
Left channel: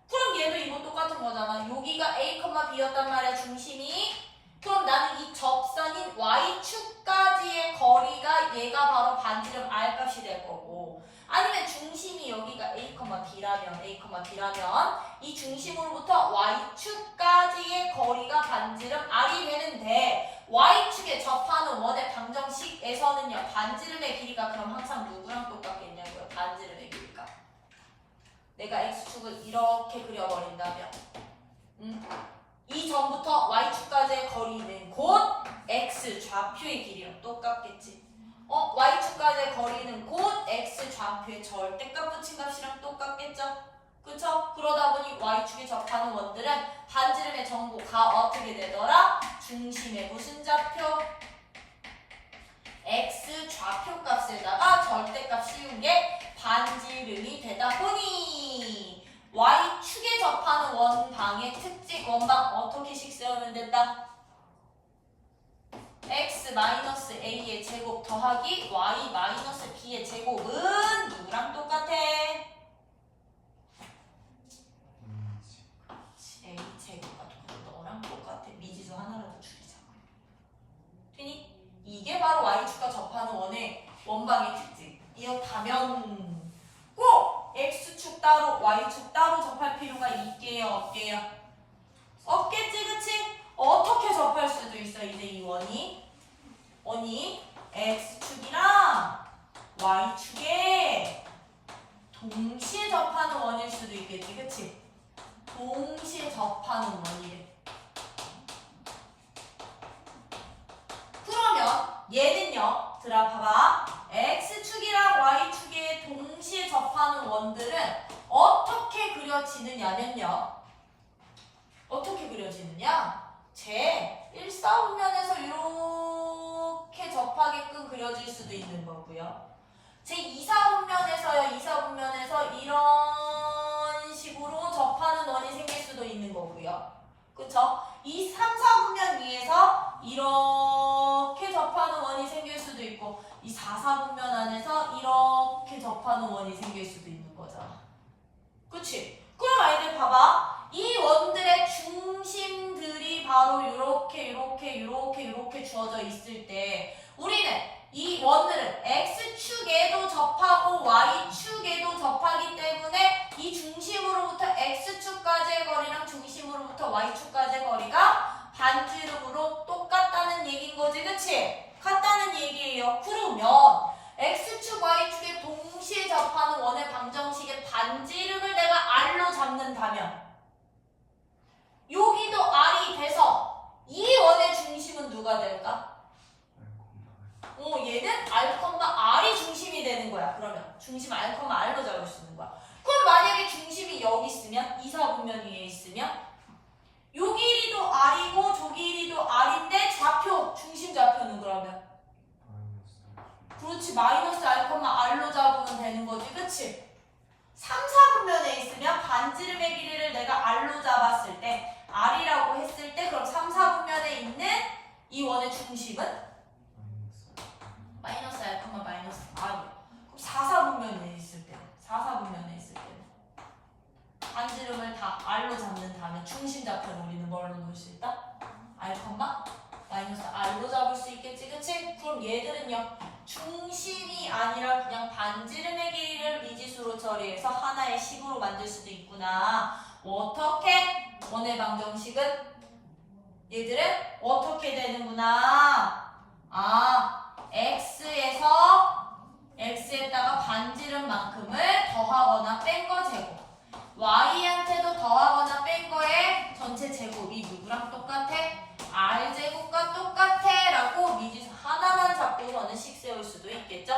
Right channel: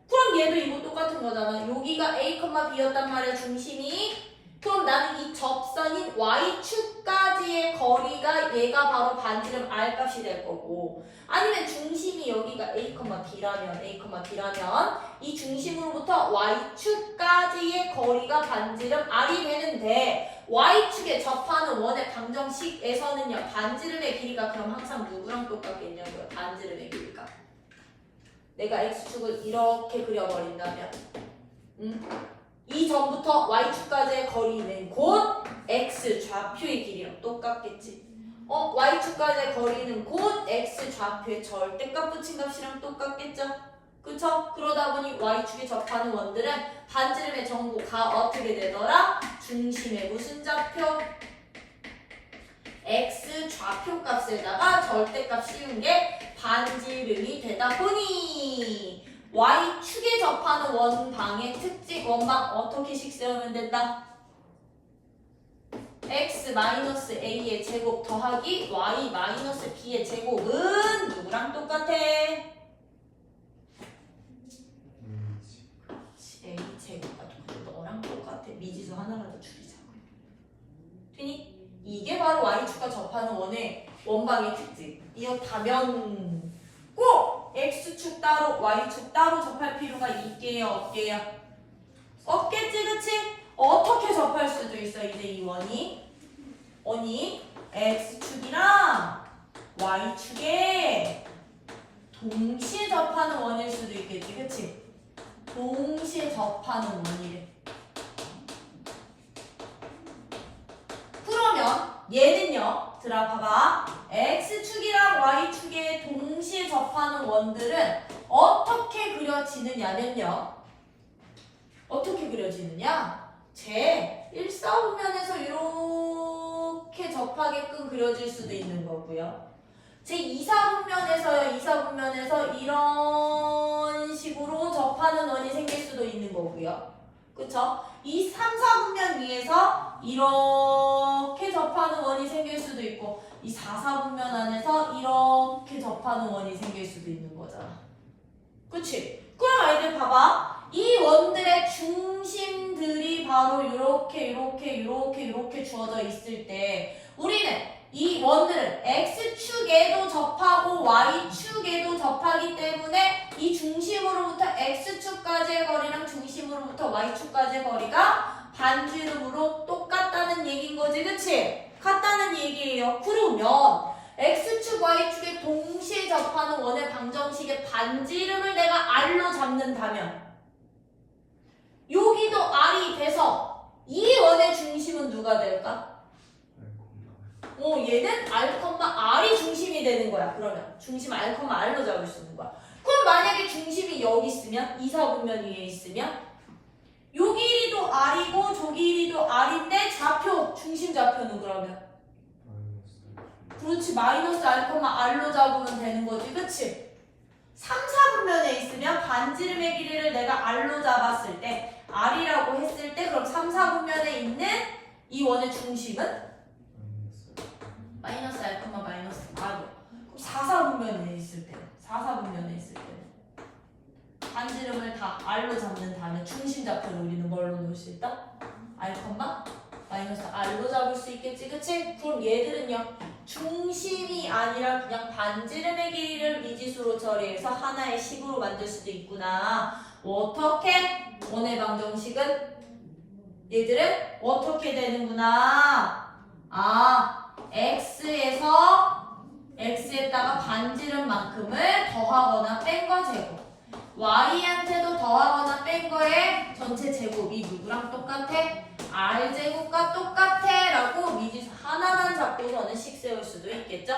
그럼 얘도 이거 똑같은 거잖아. 여기가 a, b였단 말이야, 중심이. 그럼 나는 이 접선인 y축까지의 거리가 얘가 바로 반지름 r 값이 될 거고, 아니면 중심이 여기가 a, b라면 이 중심으로부터 y축까지의 거리가 반지름 r이 되는데 y축에 접하는 원의 방정식에서는요, 반지름의 길이가 그럼 항상 누구랑 똑같겠냐고요. 반지름의 길이가. 내가 x축을 이렇게 그려버린다면 이 전부터 y축까지의 거리는 곧 x 좌표의 길이랑 똑같겠지. y축까지의 거리는 곧 x 좌표의 절대값 붙인 값이랑 똑같겠죠. 그쵸? 그러다 보니 y축에 접하는 원들은 반지름의 정보가 어떻게 되더라? 중심의 무슨 좌표? x 좌표 값에다가 절대값 씌운 게 반지름이 되다 보니 y축에 접하는 원방의 특징, 원방 어떻게 식 세우면 된다? x-a의 제곱 더하기 y-b의 제곱은 누구랑 똑같아? a 제곱과 너랑 똑같아. 미지수 하나라도 줄이자. 되니? 이게 바로 y축과 접하는 원의 원방의 특징. 이렇다면 꼭 x축 따로 y축 따로 접할 필요가 있게요, 없게요? 없겠지, 그치? 어떻게 접할 수도 있어. 이제 이 원이 x축이랑 y축에 동시에 접하는 원일 수도 있겠지, 그치? 동시에 접하는 원이래. 그러면 얘는요, 봐봐. x축이랑 y축에 동시에 접하는 원들은 어떻게 그려지느냐면요. 어떻게 그려지느냐? 제 1사분면에서 이렇게 접하게끔 그려질 수도 있는 거고요. 제 2사분면에서요. 2사분면에서 이런 식으로 접하는 원이 생길 수도 있는 거고요. 그쵸? 이 3사분면 위에서 이렇게 접하는 원이 생길 수도 있고, 이 4사분면 안에서 이렇게 접하는 원이 생길 수도 있는 거잖아. 그치? 그럼 아이들 봐봐. 이 원들의 중심들이 바로 이렇게 주어져 있을 때 우리는 이 원들은 x축에도 접하고 y축에도 접하기 때문에 이 중심으로부터 x축까지의 거리랑 중심으로부터 y축까지의 거리가 반지름으로 똑같다는 얘기인 거지, 그치? 같다는 얘기예요. 그러면 x축, y축에 동시에 접하는 원의 방정식의 반지름을 내가 r로 잡는다면 여기도 r이 돼서 이 원의 중심은 누가 될까? 얘는 r이 중심이 되는 거야. 그러면 중심 r로 잡을 수 있는 거야. 그럼 만약에 중심이 여기 있으면 2사분면 위에 있으면 요 길이도 r이고 저 길이도 r인데 좌표, 중심 좌표는 그러면 그렇지, 마이너스 r로 잡으면 되는 거지, 그치? 3사분면에 있으면 반지름의 길이를 내가 r로 잡았을 때 r이라고 했을 때 그럼 3사분면에 있는 이 원의 중심은 마이너스 r, 마이너스 r. 그럼 4사분면에 있을 때 반지름을 다 R로 잡는 다음에 중심 좌표를 우리는 뭘로 놓을 수 있다? R, 마이너스 R로 잡을 수 있겠지, 그치? 그럼 얘들은요, 중심이 아니라 그냥 반지름의 길이를 미지수로 처리해서 하나의 식으로 만들 수도 있구나. 어떻게? 원의 방정식은 얘들은 어떻게 되는구나. x에다가 반지름만큼을 더하거나 뺀 거 제곱. y한테도 더하거나 뺀 거에 전체 제곱이 누구랑 똑같아? r제곱과 똑같아 라고 미지수 하나만 잡고서는 식 세울 수도 있겠죠?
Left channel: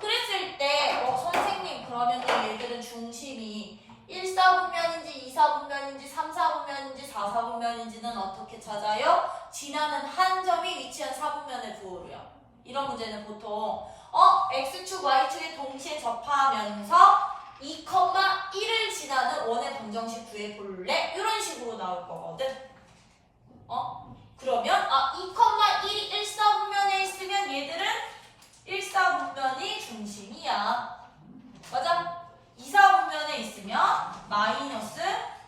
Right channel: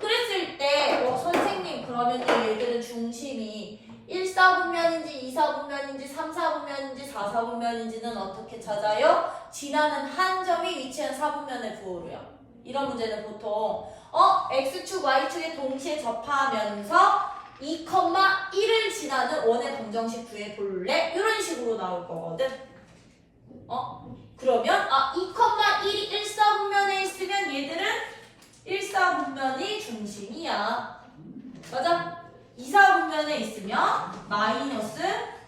그랬을 때 선생님 그러면 얘들은 중심이 1, 4분면인지 2, 4분면인지 3, 4분면인지 4, 4분면인지는 어떻게 찾아요? 지나는 한 점이 위치한 4분면의 부호로요. 이런 문제는 보통 x축, y축에 동시에 접하면서 2,1을 지나는 원의 방정식 구해볼래? 이런 식으로 나올 거거든. 그러면 2,1이 1, 4분면에 있으면 얘들은 1, 4분면이 중심이야. 맞아? 2, 4분면에 있으면 마이너스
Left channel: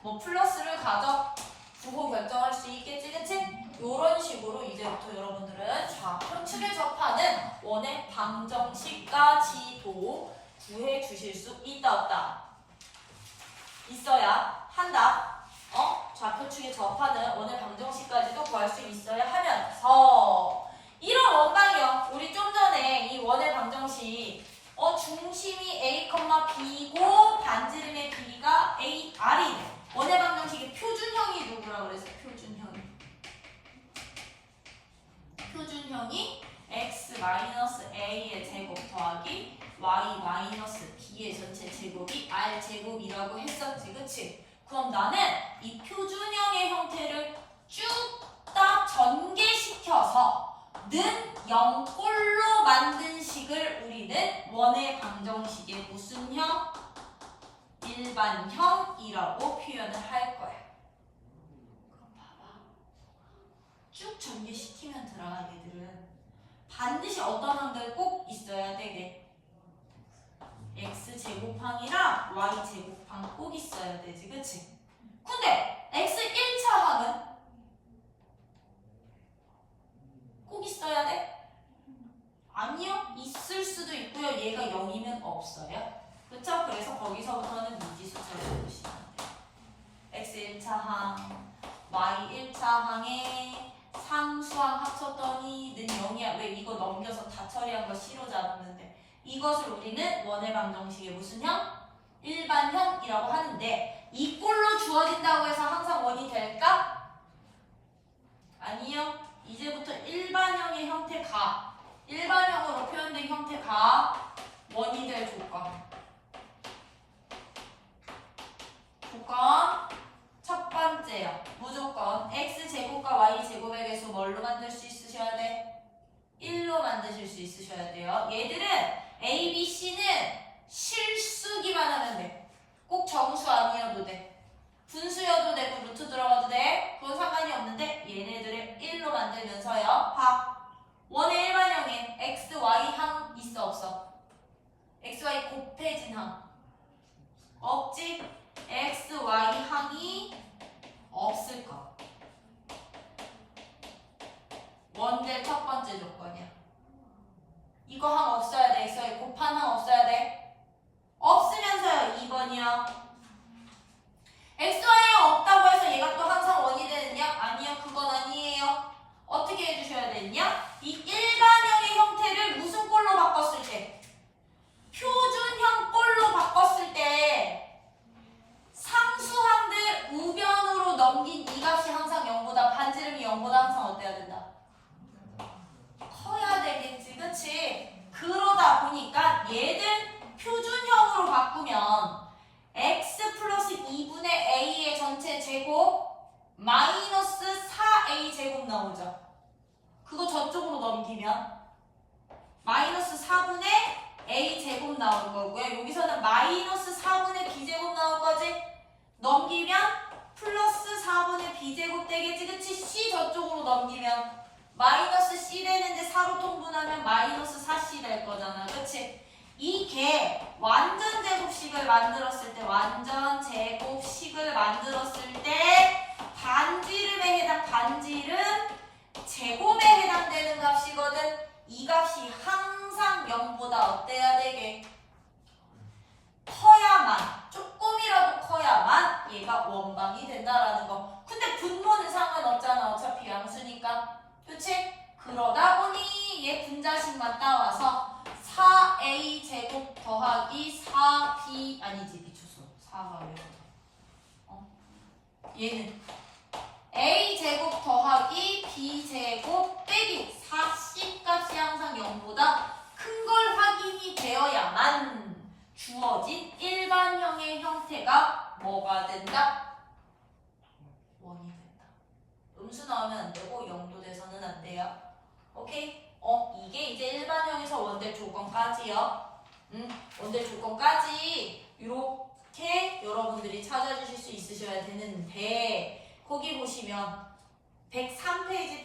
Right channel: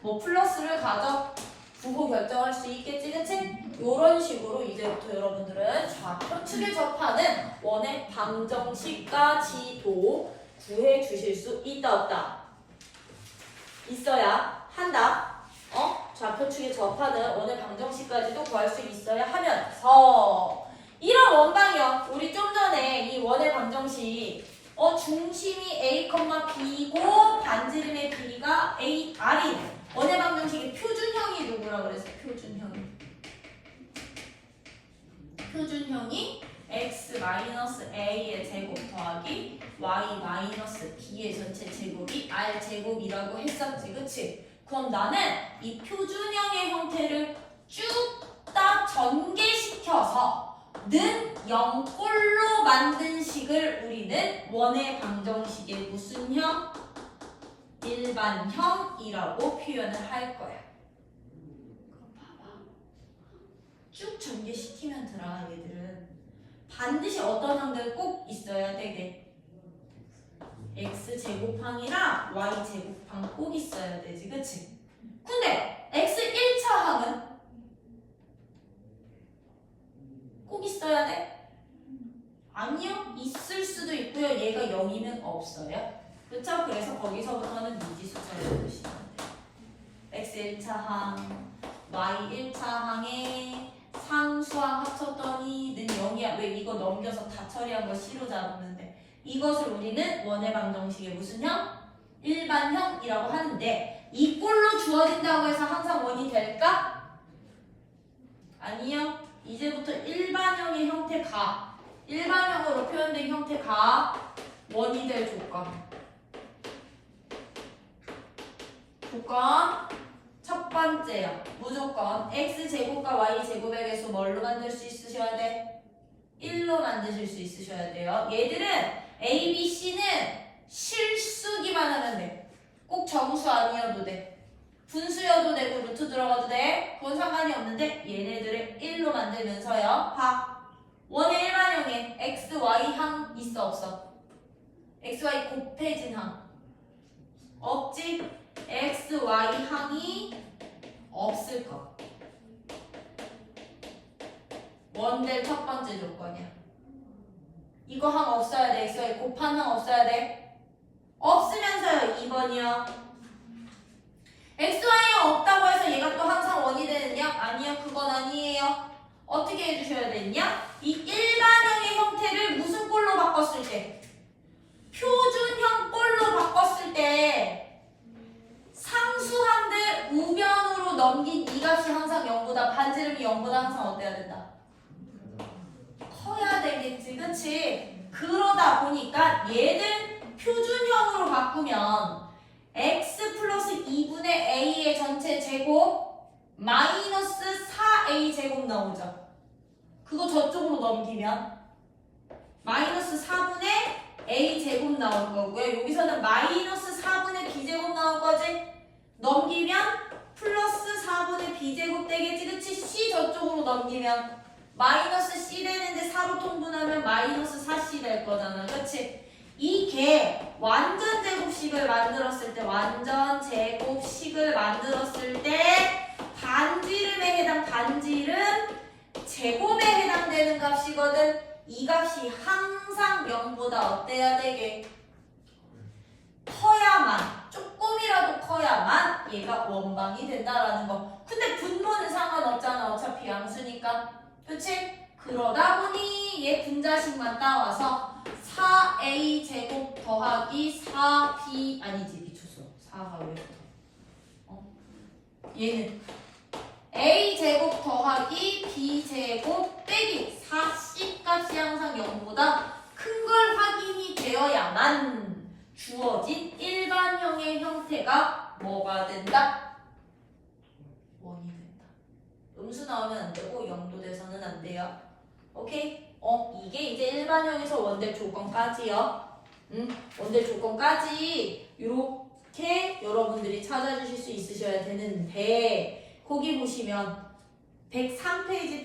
플러스를 가져 부호 결정할 수 있겠지, 그치? 요런 식으로 이제부터 여러분들은 좌표축에 접하는 원의 방정식까지도 구해 주실 수 있다, 없다? 있어야 한다. 좌표축에 접하는 원의 방정식까지도 구할 수 있어야 하면서 이런 원방이요. 우리 좀 전에 이 원의 방정식 중심이 A, B고 반지름의 길이가 A, R인 원의 방정식의 표준형이 누구라 그랬어? 표준형이 x-a의 제곱 더하기 y-b의 전체 제곱이 r제곱이라고 했었지, 그치? 그럼 나는 이 표준형의 형태를 쭉 다 전개시켜서 는 0꼴로 만든 식을 우리는 원의 방정식의 무슨 형? 일반형이라고 표현을 할 거야. 봐봐. 쭉 전개시키면 들아, 얘들은. 반드시 어떤 항들 꼭 있어야 되게. x제곱항이랑 y제곱항 꼭 있어야 되지, 그치? 근데 x 1차 항은 꼭 있어야 돼? 아니요. 있을 수도 있고요. 얘가 0이면 없어요. 그쵸? 그래서 거기서부터는 미지수 처리를 보시면 돼요. x 1차항, y 1차항에 상수항 합쳤더니 는 0이야. 왜 이거 넘겨서 다 처리한 거 C로 잡았는데 이것을 우리는 원의 방정식의 무슨 형? 일반형이라고 하는데 이 꼴로 주어진다고 해서 항상 원이 될까? 아니요. 이제부터 일반형의 형태가 일반형으로 표현된 형태가 원이 될 조건. 조건 첫 번째요. 무조건 x제곱과 y제곱의 개수 뭘로 만들 수 있으셔야 돼? 1로 만드실 수 있으셔야 돼요. 얘들은 A, B, C는 실수기만 하면 돼. 꼭 정수 아니어도 돼. 분수여도 되고 루트 들어가도 돼. 그건 상관이 없는데 얘네들을 1로 만들면서요. 원의 일반형에 x, y 항 있어, 없어? x, y 곱해진 항 없지? x, y 항이 없을 것. 원될 첫 번째 조건이야. 이거 항 없어야 돼. x, y 곱한 항 없어야 돼. 없으면서요. 2번이요. x, y가 없다고 해서 얘가 또 항상 원이 되느냐? 아니요. 그건 아니에요. 어떻게 해주셔야 되냐? 이 일반형의 형태를 무슨 꼴로 바꿨을 때? 표준형 꼴로 바꿨을 때 상수항들 우변으로 넘긴 이 값이 항상 0보다 반지름이 0보다 항상 어때야 된다? 커야 되겠지, 그치? 그러다 보니까 얘들 표준형으로 바꾸면 x 플러스 2분의 a의 전체 제곱 마이너스 4a 제곱 나오죠. 그거 저쪽으로 넘기면 마이너스 4분의 a 제곱 나올 거고요. 여기서는 마이너스 4분의 b 제곱 나올 거지. 넘기면 플러스 4분의 b 제곱 되겠지, 그치? c 저쪽으로 넘기면 마이너스 c 되는데 4로 통분하면 마이너스 4c 될 거잖아, 그치? 이게 완전 제곱식을 만들었을 때 반지름에 해당 반지름 제곱에 해당되는 값이거든. 이 값이 항상 0보다 어때야 되게? 커야만, 조금이라도 커야만 얘가 원방이 된다라는 거. 근데 분모는 상관없잖아. 어차피 양수니까. 그치? 그러다 보니 얘 분자식만 따와서 4a 제곱 더하기 4b 아니지 미쳤어. 4가 왜 붙어? 얘는 a 제곱 더하기 b 제곱 빼기 4c 값이 항상 0보다 큰 걸 확인이 되어야만 주어진 일반형의 형태가 뭐가 된다? 원이 된다. 음수 나오면 안 되고 0도 돼서는 안 돼요. 오케이? 이게 이제 일반형에서 원될 조건까지요. 원될 조건까지 이렇게 여러분들이 찾아주실 수 있으셔야 되는데 거기 보시면 103페이지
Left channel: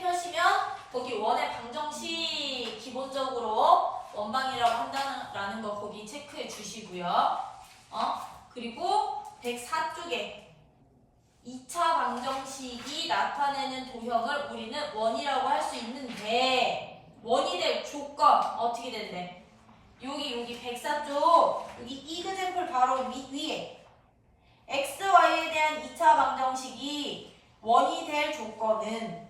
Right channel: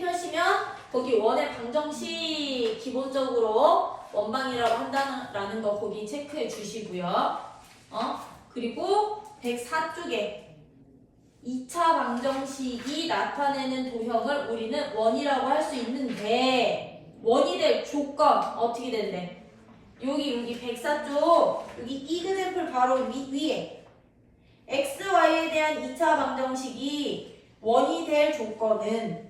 펴시면 거기 원의 방정식 기본적으로 원방이라고 한다는 거 거기 체크해 주시고요. 그리고 104쪽에 2차 방정식이 나타내는 도형을 우리는 원이라고 할 수 있는데 원이 될 조건 어떻게 된대? 여기 104쪽 여기 이그샘플 바로 위에 x, y에 대한 2차 방정식이 원이 될 조건은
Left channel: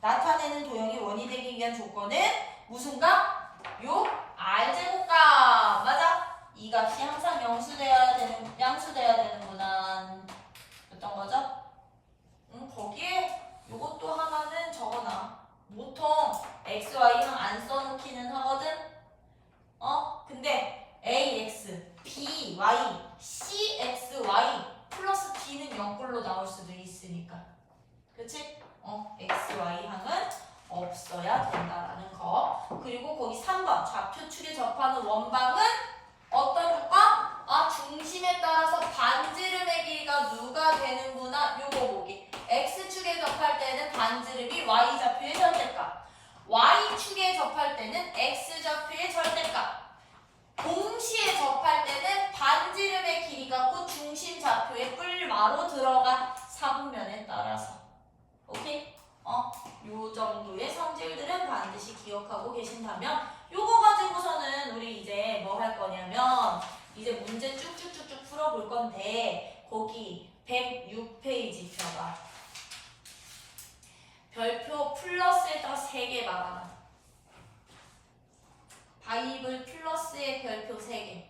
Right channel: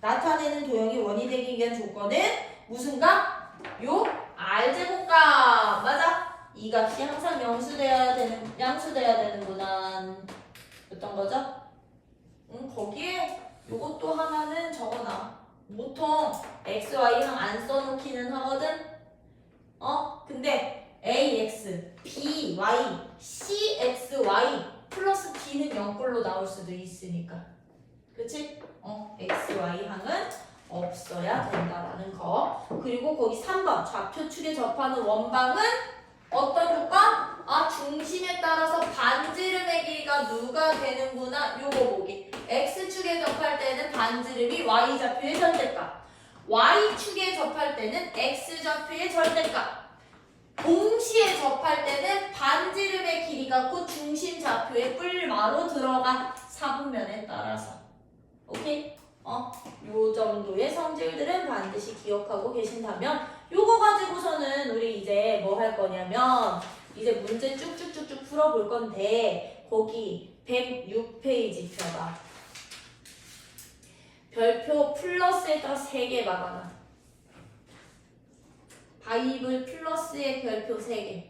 나타내는 도형이 원이 되기 위한 조건은 무슨 값? 요 r제곱값 맞아? 이 값이 항상 양수돼야 되는구나. 어떤 거죠? 거기에 요것도 하나는 적어놔. 보통 x, y는 안 써놓기는 하거든. 근데 ax, by, cxy 플러스 b는 0꼴로 나올 수도 있으니까. 그치? x, y 항은 없어야 된다라는 거. 그리고 거기 3번 좌표축에 접하는 원방은 어떤 효과? 중심에 따라서 반지름의 길이가 누가 되는구나. 요거 보기. x축에 접할 때는 반지름이 y좌표의 절대값, y축에 접할 때는 x좌표의 절대값. 동시에 접할 때는 반지름의 길이가 곧 중심 좌표의 뿔마로 들어가 사분면에 따라서. 오케이? 요 정도의 성질들은 반드시 기억하고 계신다면 요거 가지고서는 우리 이제 뭐 할 거냐면 이제 문제 쭉쭉쭉쭉 풀어볼 건데 거기 106페이지 펴봐. 별표 플러스에다 3개 박아놔. 바이블 플러스의 별표 3개.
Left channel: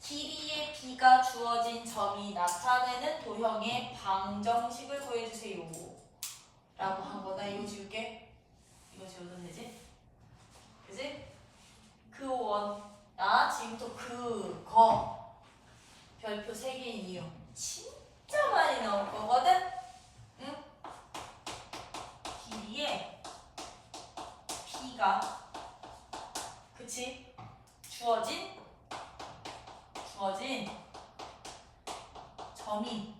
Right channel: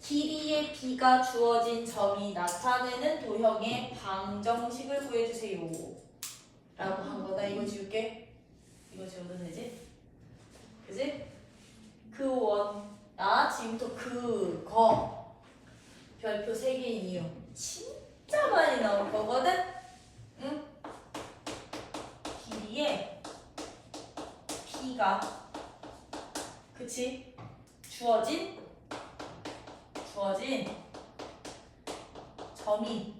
길이의 b가 주어진 점이 나타내는 도형의 방정식을 구해주세요 라고 한 거다. 이거 지울게. 이거 지우면 되지? 그지? 그 원. 나 지금부터 그거 별표 3개인 이유 진짜 많이 나올 거거든? 응? 길이의 b가 그치? 주어진 점이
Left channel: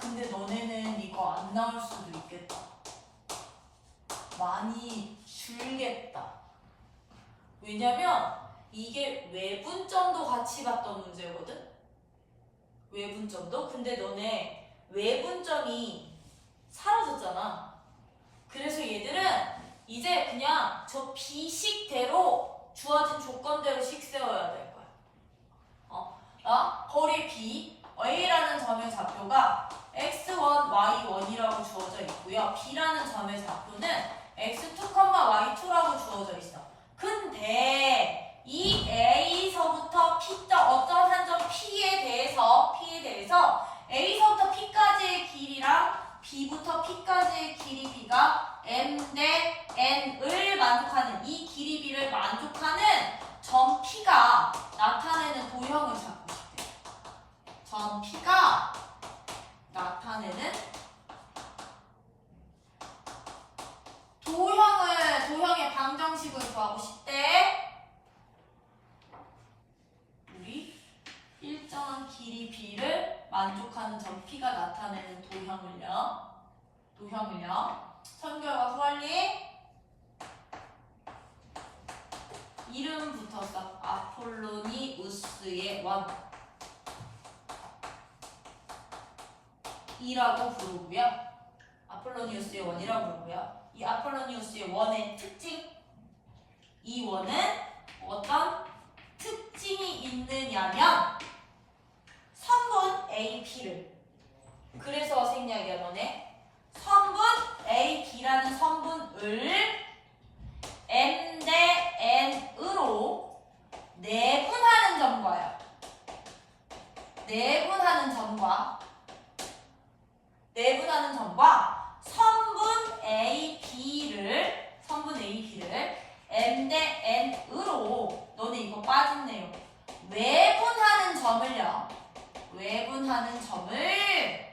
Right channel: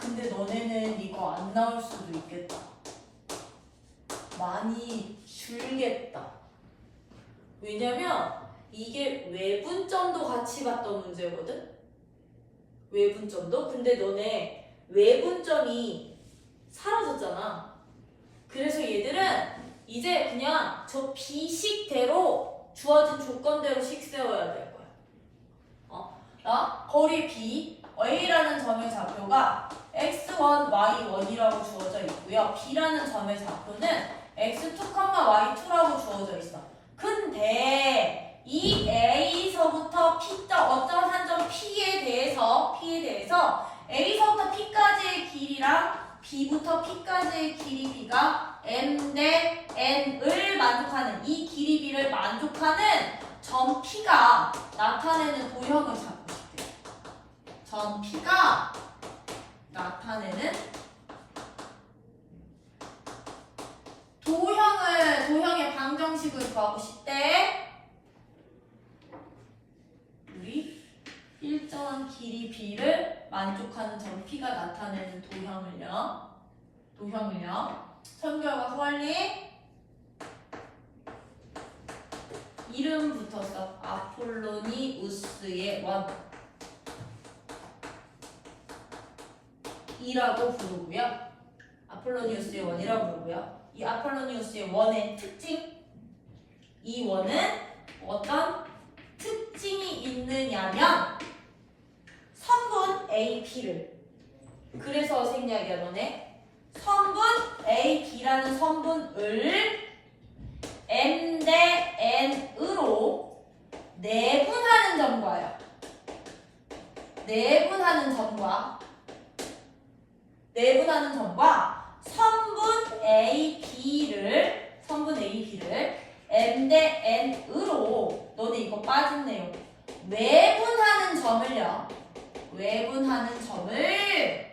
근데 너네는 이거 안 나올 수도 있겠다. 많이 줄겠다. 왜냐면 이게 외분점도 같이 봤던 문제거든? 외분점도? 근데 너네 외분점이 사라졌잖아. 그래서 얘들은 이제 그냥 저 비식대로 주어진 조건대로 식 세워야 될 거야. 거리 B, A라는 점의 좌표가 x1, y1이라고 주어져 있고요. B라는 점의 좌표는 x2, y2라고 주어져 있어. 근데 이 A서부터 P점, 어쩌한 점 P에 대해서 A서부터 P까지의 길이랑 B부터 P까지의 길이 B가 M 대 N을 만족하는 이 길이 B를 만족하는 점 P가 나타내는 도형을 잡고 싶대. 점 P가 나타내는 도형의 방정식을 구하고 싶대. 우리 일정한 길이 B를 만족하는 점 P가 나타내는 도형을요. 선결과 후할리 이름 붙었어. 아폴로니우스의 원 이라고 부르고요. 아폴로니우스의 원이라고 부르고요. 이 아폴로니우스의 원의 특징, 이 원은 어떤 특징이 있느냐면 성분 A, B를, 그래서 생략이야 너네. 성분 A, B라는 성분을 M 대 N으로 내분하는 점과요. 내분하는 점과 성분 A, B를 M 대 N으로, 너네 이거 빠진 내용, 외분하는 점을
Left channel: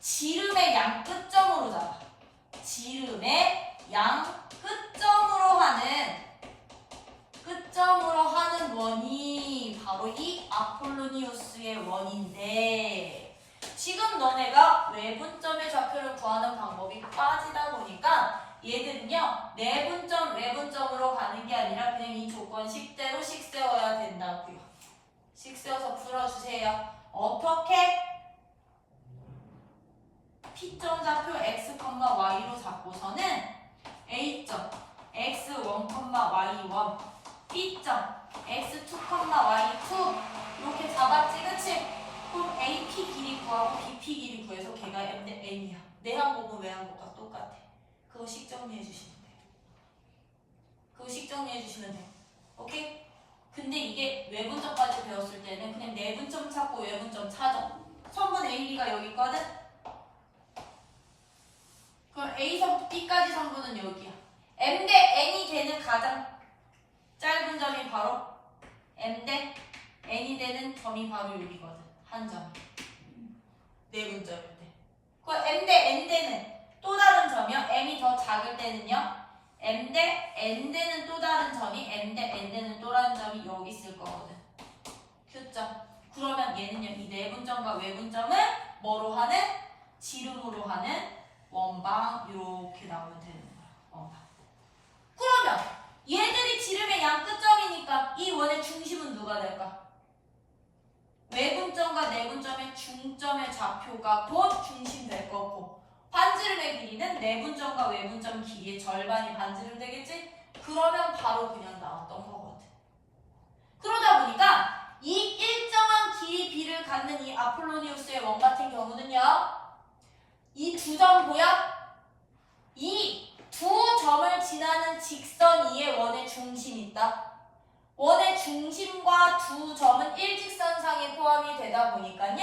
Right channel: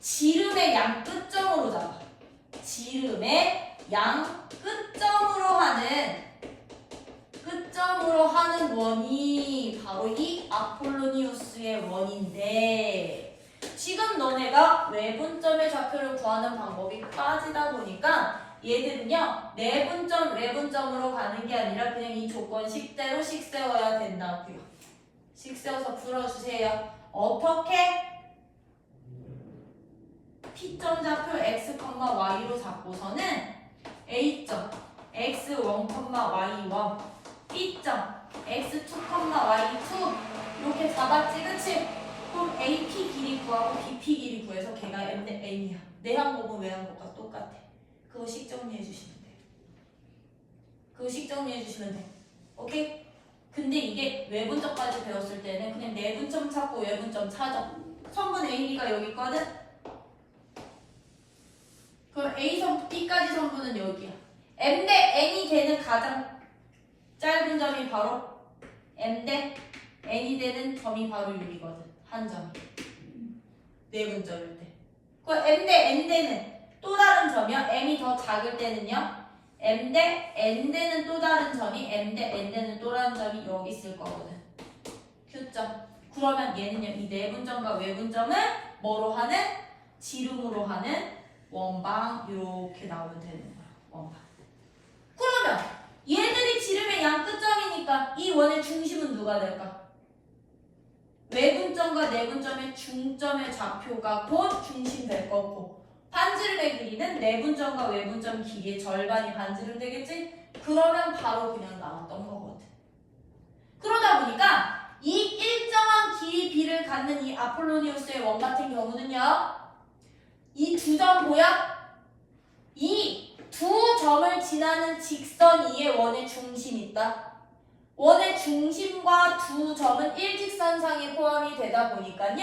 지름의 양 끝점으로 잡아. 지름의 양 끝점으로 하는 원이 바로 이 아폴로니우스의 원인데, 지금 너네가 외분점의 좌표를 구하는 방법이 빠지다 보니까 얘들은요 내분점, 외분점으로 가는 게 아니라 그냥 이 조건 10대로 식 세워야 된다고요. 식 세워서 풀어주세요. 어떻게? P점 좌표 x, y로 잡고서는 A점 x1, y1, B점 x2, y2 이렇게 잡았지, 그치? 그럼 AP 길이 구하고 BP 길이 구해서 걔가 M 대 N이야. 내한 곱은 외한 곱과 똑같아. 그거 식 정리해 주시면 돼. 오케이? 근데 이게 외분점까지 배웠을 때는 그냥 내분점 찾고 외분점 찾아. 성분 A, B가 여기 있거든? 그럼 A선 B까지 성분은 여기야. M 대 N이 되는 가장 짧은 점이 바로 M 대 N이 되는 점이 바로 여기거든. 한 점. 내분점일 때. 그 M 대 N 대는 또 다른 점이요. M이 더 작을 때는요. M 대 N 대는 또 다른 점이, M 대 N 대는 또 다른 점이 여기 있을 거거든. Q점. 그러면 얘는요. 이 내분점과 외분점은 뭐로 하는? 지름으로 하는 원방 이렇게 나오면 되는 거야. 원방. 그러면 얘들이 지름의 양 끝점이니까 이 원의 중심은 누가 될까? 외분점과 내분점의 중점의 좌표가 곧 중심 될 거고, 반지름의 길이는 내분점과 외분점 길이의 절반이 반지름 되겠지? 그러면 바로 그냥 나왔던 거거든. 그러다 보니까 이 일정한 길이 B를 갖는 이 아폴로니우스의 원 같은 경우는요, 이 두 점 보여? 이 두 점을 지나는 직선 위에 원의 중심이 있다. 원의 중심과 두 점은 일직선상에 포함이 되다 보니까요,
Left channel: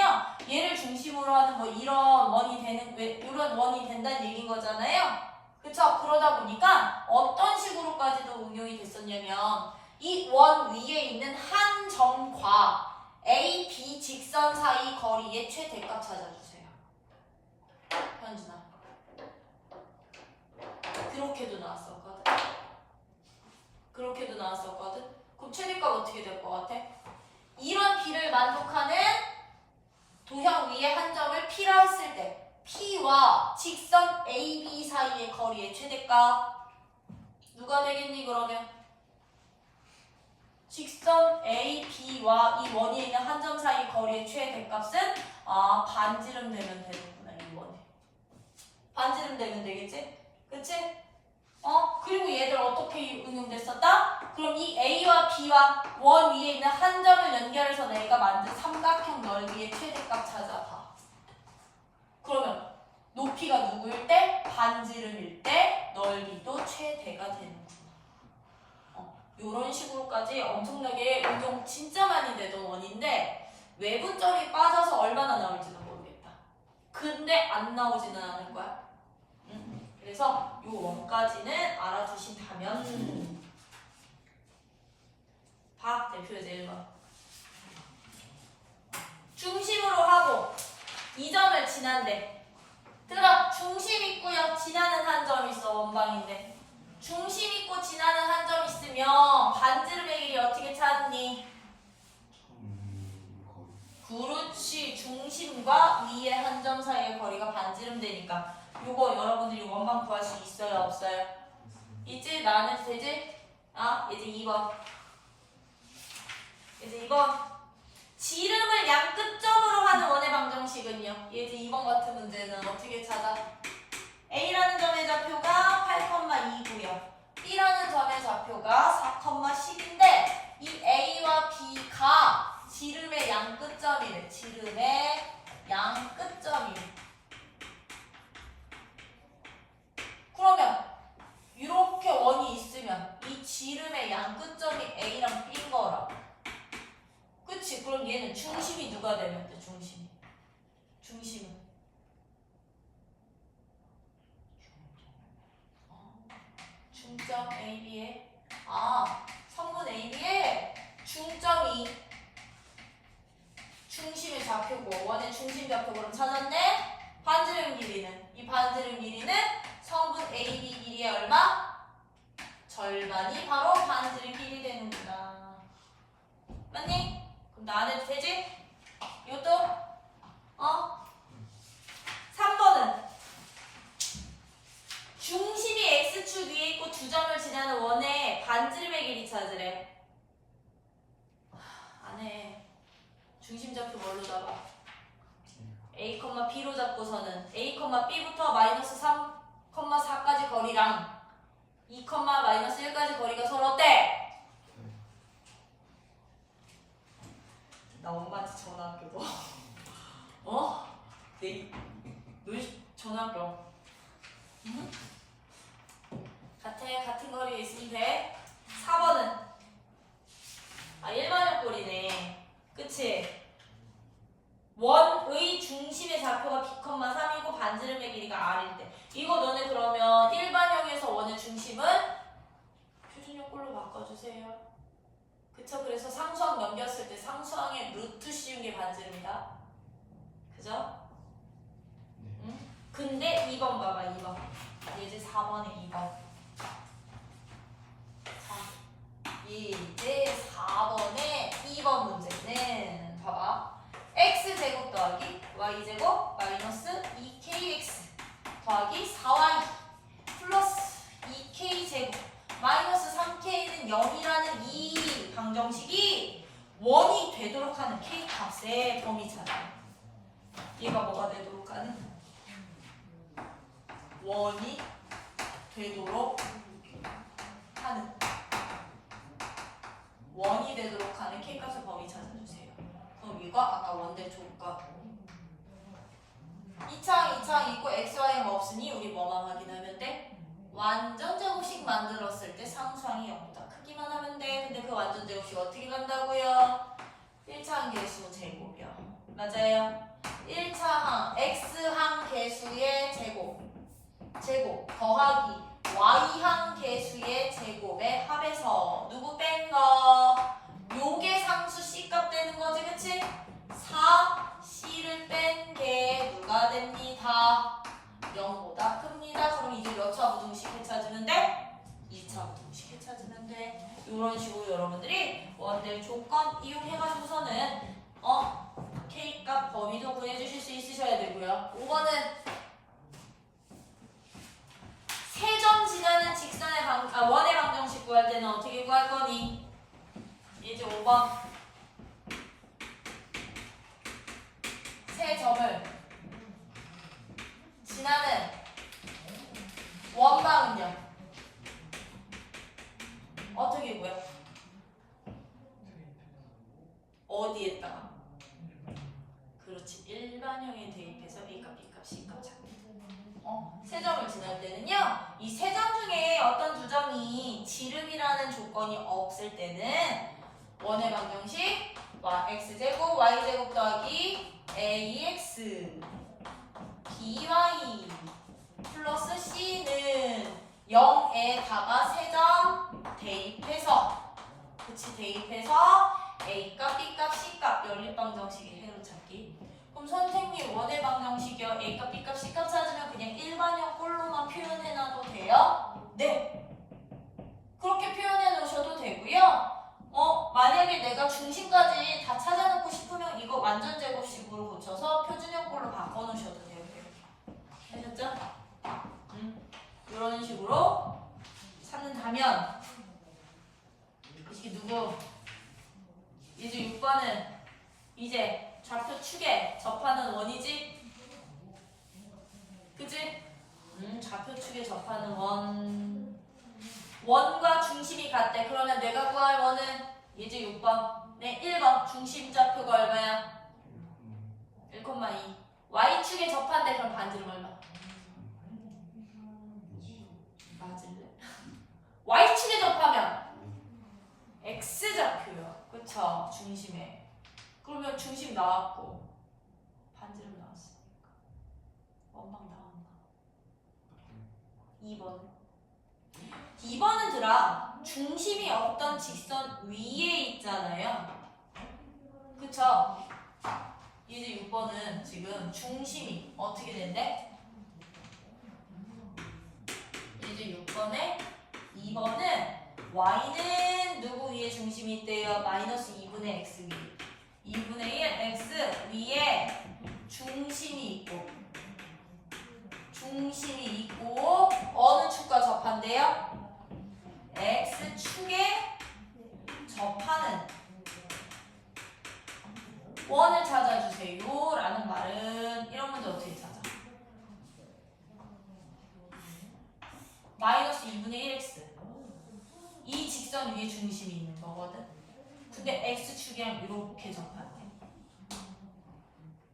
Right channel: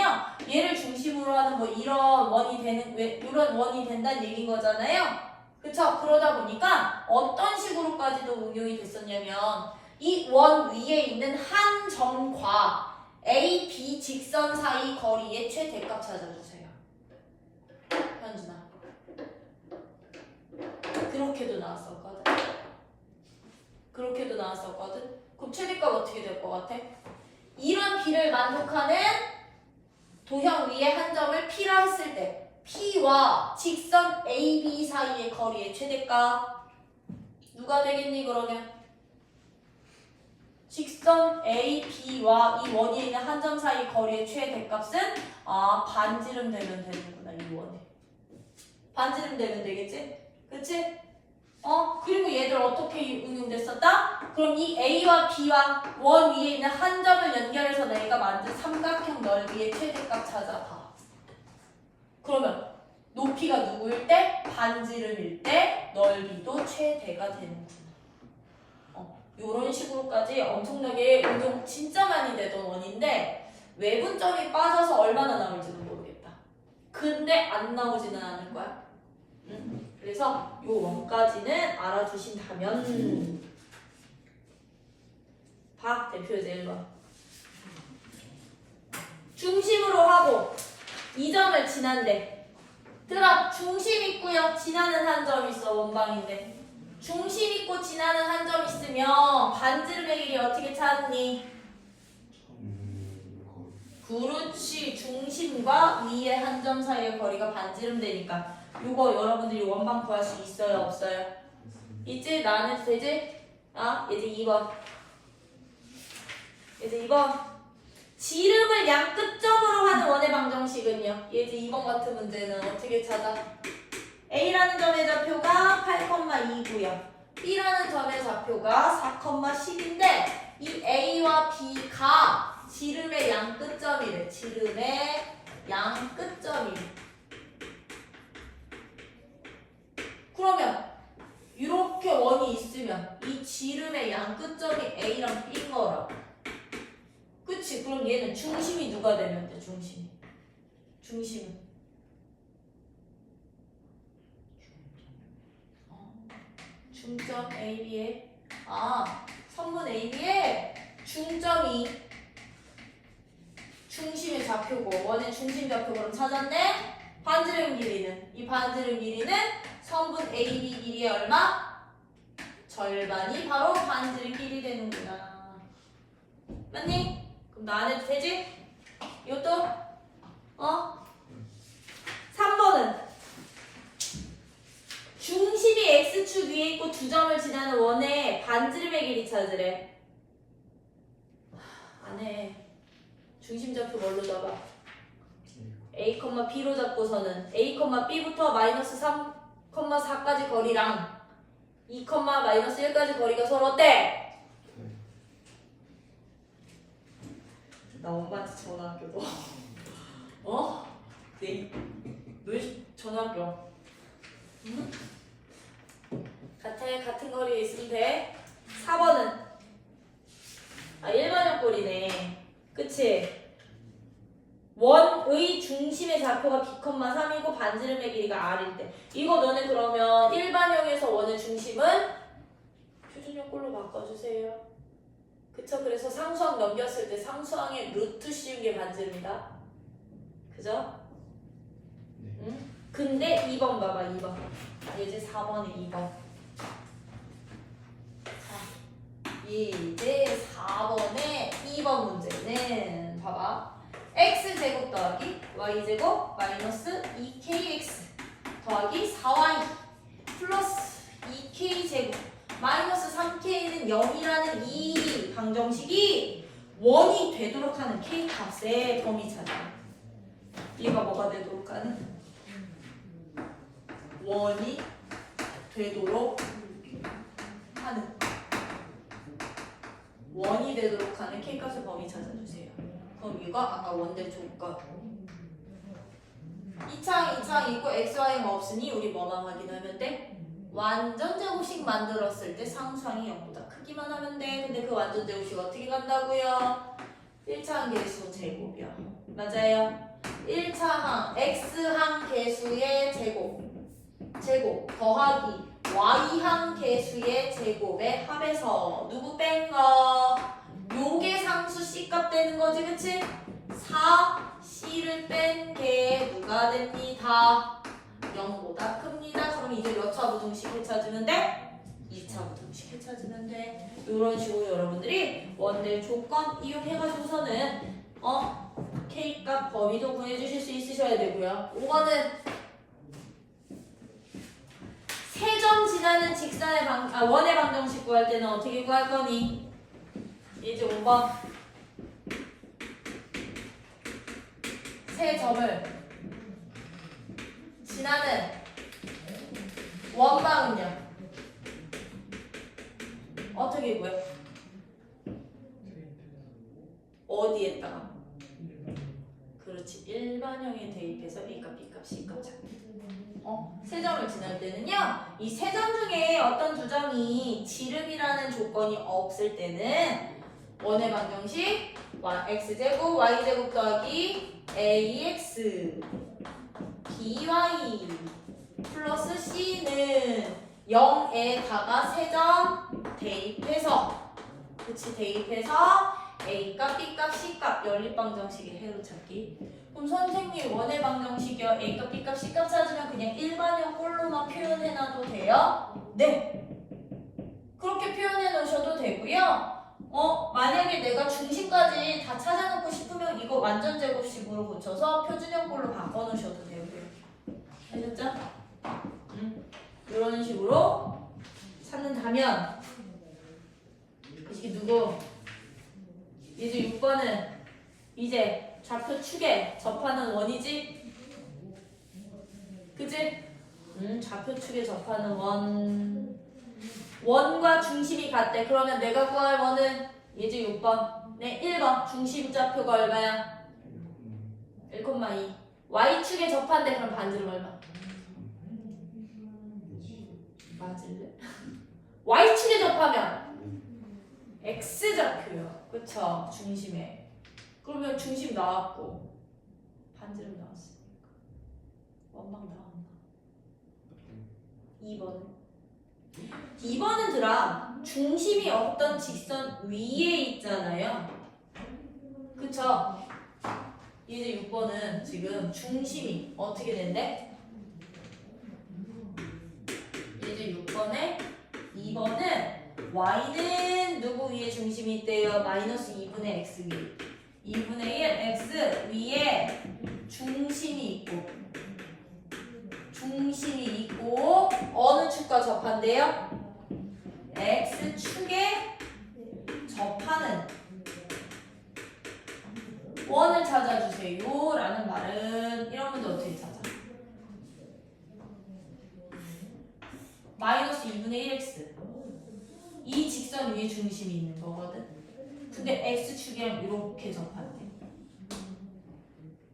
얘를 중심으로 하는 뭐 이런 원이 된다는 얘기인 거잖아요. 그쵸? 그러다 보니까 어떤 식으로까지도 응용이 됐었냐면, 이 원 위에 있는 한 점과 A, B 직선 사이 거리의 최대값 찾아주세요. 현준아. 그렇게도 나왔었거든. 그럼 최대값 어떻게 될 것 같아? 이런 B를 만족하는 도형 위에 한 점을 P라 했을 때 P와 직선 AB 사이의 거리의 최대값 누가 되겠니 그러면? 직선 AB와 이 원이 있는 한 점 사이 거리의 최대값은 반지름 되면 되는구나. 이 원이 반지름 되면 되겠지? 그치? 그리고 얘들 어떻게 응용됐었다? 그럼 이 A와 B와 원 위에 있는 한 점을 연결해서 내가 만든 삼각형 넓이의 최대값 찾아봐. 그러면 높이가 누구일 때? 반지름일 때 넓이도 최대가 되는구나. 이런 식으로까지 엄청나게 응용 진짜 많이 되던 원인데, 외분점이 빠져서 얼마나 나올지는 모르겠다. 근데 안 나오지는 않을 거야. 그래서 이 원까지는 알아두신다면, 박 대표제 1번 중심으로 하고 이 점을 지난대. 들어, 중심 있고요, 지나는 한 점 있어. 원방인데 중심 있고 지나는 한 점 있으면 반지름의 길이 어떻게 찾니? 그렇지. 중심과 위의 한 점 사이의 거리가 반지름 되니까 요거 여러분들이 원방 구할 수 있어요 없어요? 있지? 나는 되지? 이제 2번 이제 2번 지름을 양 끝점으로 하는 원의 방정식은요. 이제 2번 같은 문제는 어떻게 찾아? A라는 점의 좌표가 8,2고요. B라는 점의 좌표가 4,10인데 이 A와 B가 지름의 양 끝점이래. 지름의 양 끝점이래. 그러면 이렇게 원이 있으면 이 지름의 양 끝점이 A랑 B인 거라고. 그치? 그럼 얘는 중심이 누가 되면 돼? 중심은 중점 AB에 선분 AB에 중점이 중심의 좌표고 원의 중심 좌표를 찾았네. 반지름 길이는 이 반지름 길이는 선분 AB 길이의 얼마? 절반이 바로 반지름 길이 되는구나. 맞니? 그럼 나 안 해도 되지? 이것도 3번은 중심이 X축 위에 있고 두 점을 지나는 원의 반지름의 길이 찾으래. 안 해. 중심 좌표 뭘로 잡아? A, B로 잡고서는 A, B부터 마이너스 3,4까지 거리랑 2, 마이너스 1까지 거리가 서로 어때? 나 엄마한테 전화할게. 너 전화할게. 응? 같은 거리에 있으면 돼. 4번은 1번형 꼴이네. 그치? 원의 중심의 좌표가 B,3이고 반지름의 길이가 R일 때 이거 너네 그러면 일반형에서 원의 중심은 표준형 꼴로 바꿔주세요. 그쵸? 그래서 상수항 넘겼을 때 상수항에 루트 씌운 게 반지름이다. 그죠? 응? 근데 2번 봐봐. 2번 이제 4번에 2번. 이제 4번에 2번 문제는 봐봐. x제곱 더하기 y제곱 마이너스 2kx 더하기 4y 플러스 2k제곱 마이너스 3k는 0이라는 이 방정식이 원이 되도록 하는 k값의 범위 찾아. 얘가 뭐가 되도록 하는? 원이 되도록 하는 k값의 범위 찾아주세요. 그럼 이거 아까 원대 조건 2창 있고 xy는 없으니 우리 뭐만 확인하면 돼? 완전 제곱식 만들었을 때 상수항이 0보다 크기만 하면 돼. 근데 그 완전 제곱식 어떻게 간다고요? 1차항 개수 제곱이야. 맞아요. 1차항 x항 개수의 제곱 더하기 y항 개수의 제곱의 합에서 누구 뺀 거? 요게 상수 C값 되는 거지, 그치? 4C를 뺀 게 누가 됩니다? 0보다 큽니다. 그럼 이제 몇 차 부등식을 찾으면 돼? 2차 부등식을 찾으면 돼. 이런 식으로 여러분들이 원래 조건 이용해가지고서는 K값 범위도 구해주실 수 있으셔야 되고요. 5번은 세 점 지나는 직선의 원의 방정식 구할 때는 어떻게 구할 거니? 이제 5번 세 점을 지나는 원방은요 어떻게 구해? 어디에다가? 그렇지, 일반형에 대입해서 A값, B값, C값 찾기. 세 점을 지날 때는요 이 세 점 중에 어떤 두 점이 지름이라는 조건이 없을 때는 원의 방정식 x제곱 y제곱 더하기 ax by 플러스 c는 0에다가 세 점 대입해서 대입해서 a값, b값, c값 연립방정식의 해로 찾기. 그럼 선생님 원의 방정식이요 a값, b값, c값 찾으면 그냥 일반형 꼴로만 표현해놔도 돼요? 네, 그렇게 표현해 놓으셔도 되고요. 만약에 내가 중심까지 다 찾아놓고 싶으면 이거 완전 제곱식으로 고쳐서 표준형 꼴로 바꿔놓으셔도 되고요. 아셨죠? 이런 식으로 찾는다면 이게 누구? 이제 6번은 이제 좌표 축에 접하는 원이지? 그치? 좌표 축에 접하는 원과 중심이 같대. 그러면 내가 구할 원은 이제 6번. 네, 1번. 중심 좌표가 얼마야? 1,2. Y축에 접한대. 그럼 반지름 얼마? 맞을래? Y축에 접하면 X좌표요. 그쵸? 중심에. 그러면 중심 나왔고 반지름 나왔어. 원방 나온다. 2번은 들아 중심이 없던 직선 위에 있잖아요. 그쵸? 이제 6번은 지금 중심이 어떻게 된대? 이제 2번은 y는 누구 위에 중심이 있대요? 마이너스 2분의 x 위. 2분의 1 x 위에 중심이 있고 어느 축과 접한대요? x축에 접하는 원을 찾아주세요 라는 말은 이런 문제 어떻게 찾아? 마이너스 2분의 1x 이 직선 위에 중심이 있는 거거든. 근데 x축이랑 이렇게 접한대.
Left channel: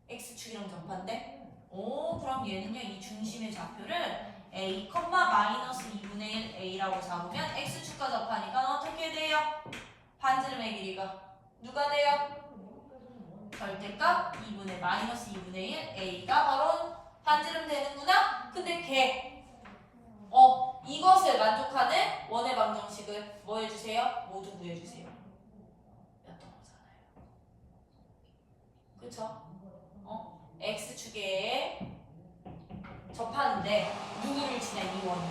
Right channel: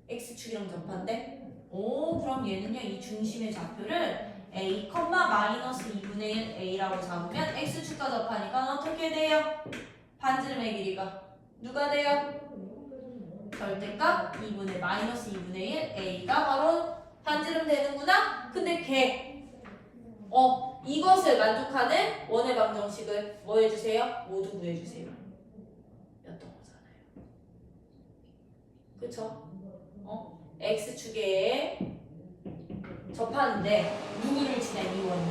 x축이랑 접한대? 오, 그럼 얘는요 이 중심의 좌표를 a, 마이너스 2분의 1 a라고 잡으면 x축과 접하니까 어떻게 돼요? 반지름의 길이가 누가 돼요? 절대값 2분의 마이너스 2분의 1 a가 바로 반지름 되는구나. 근데 이것을 만족하는 원의 방정식을 뭐 해주세요? 모두 구해주세요. 였던 거잖아요. 그쵸? x축에 접하는데 누구를 지나 이 원이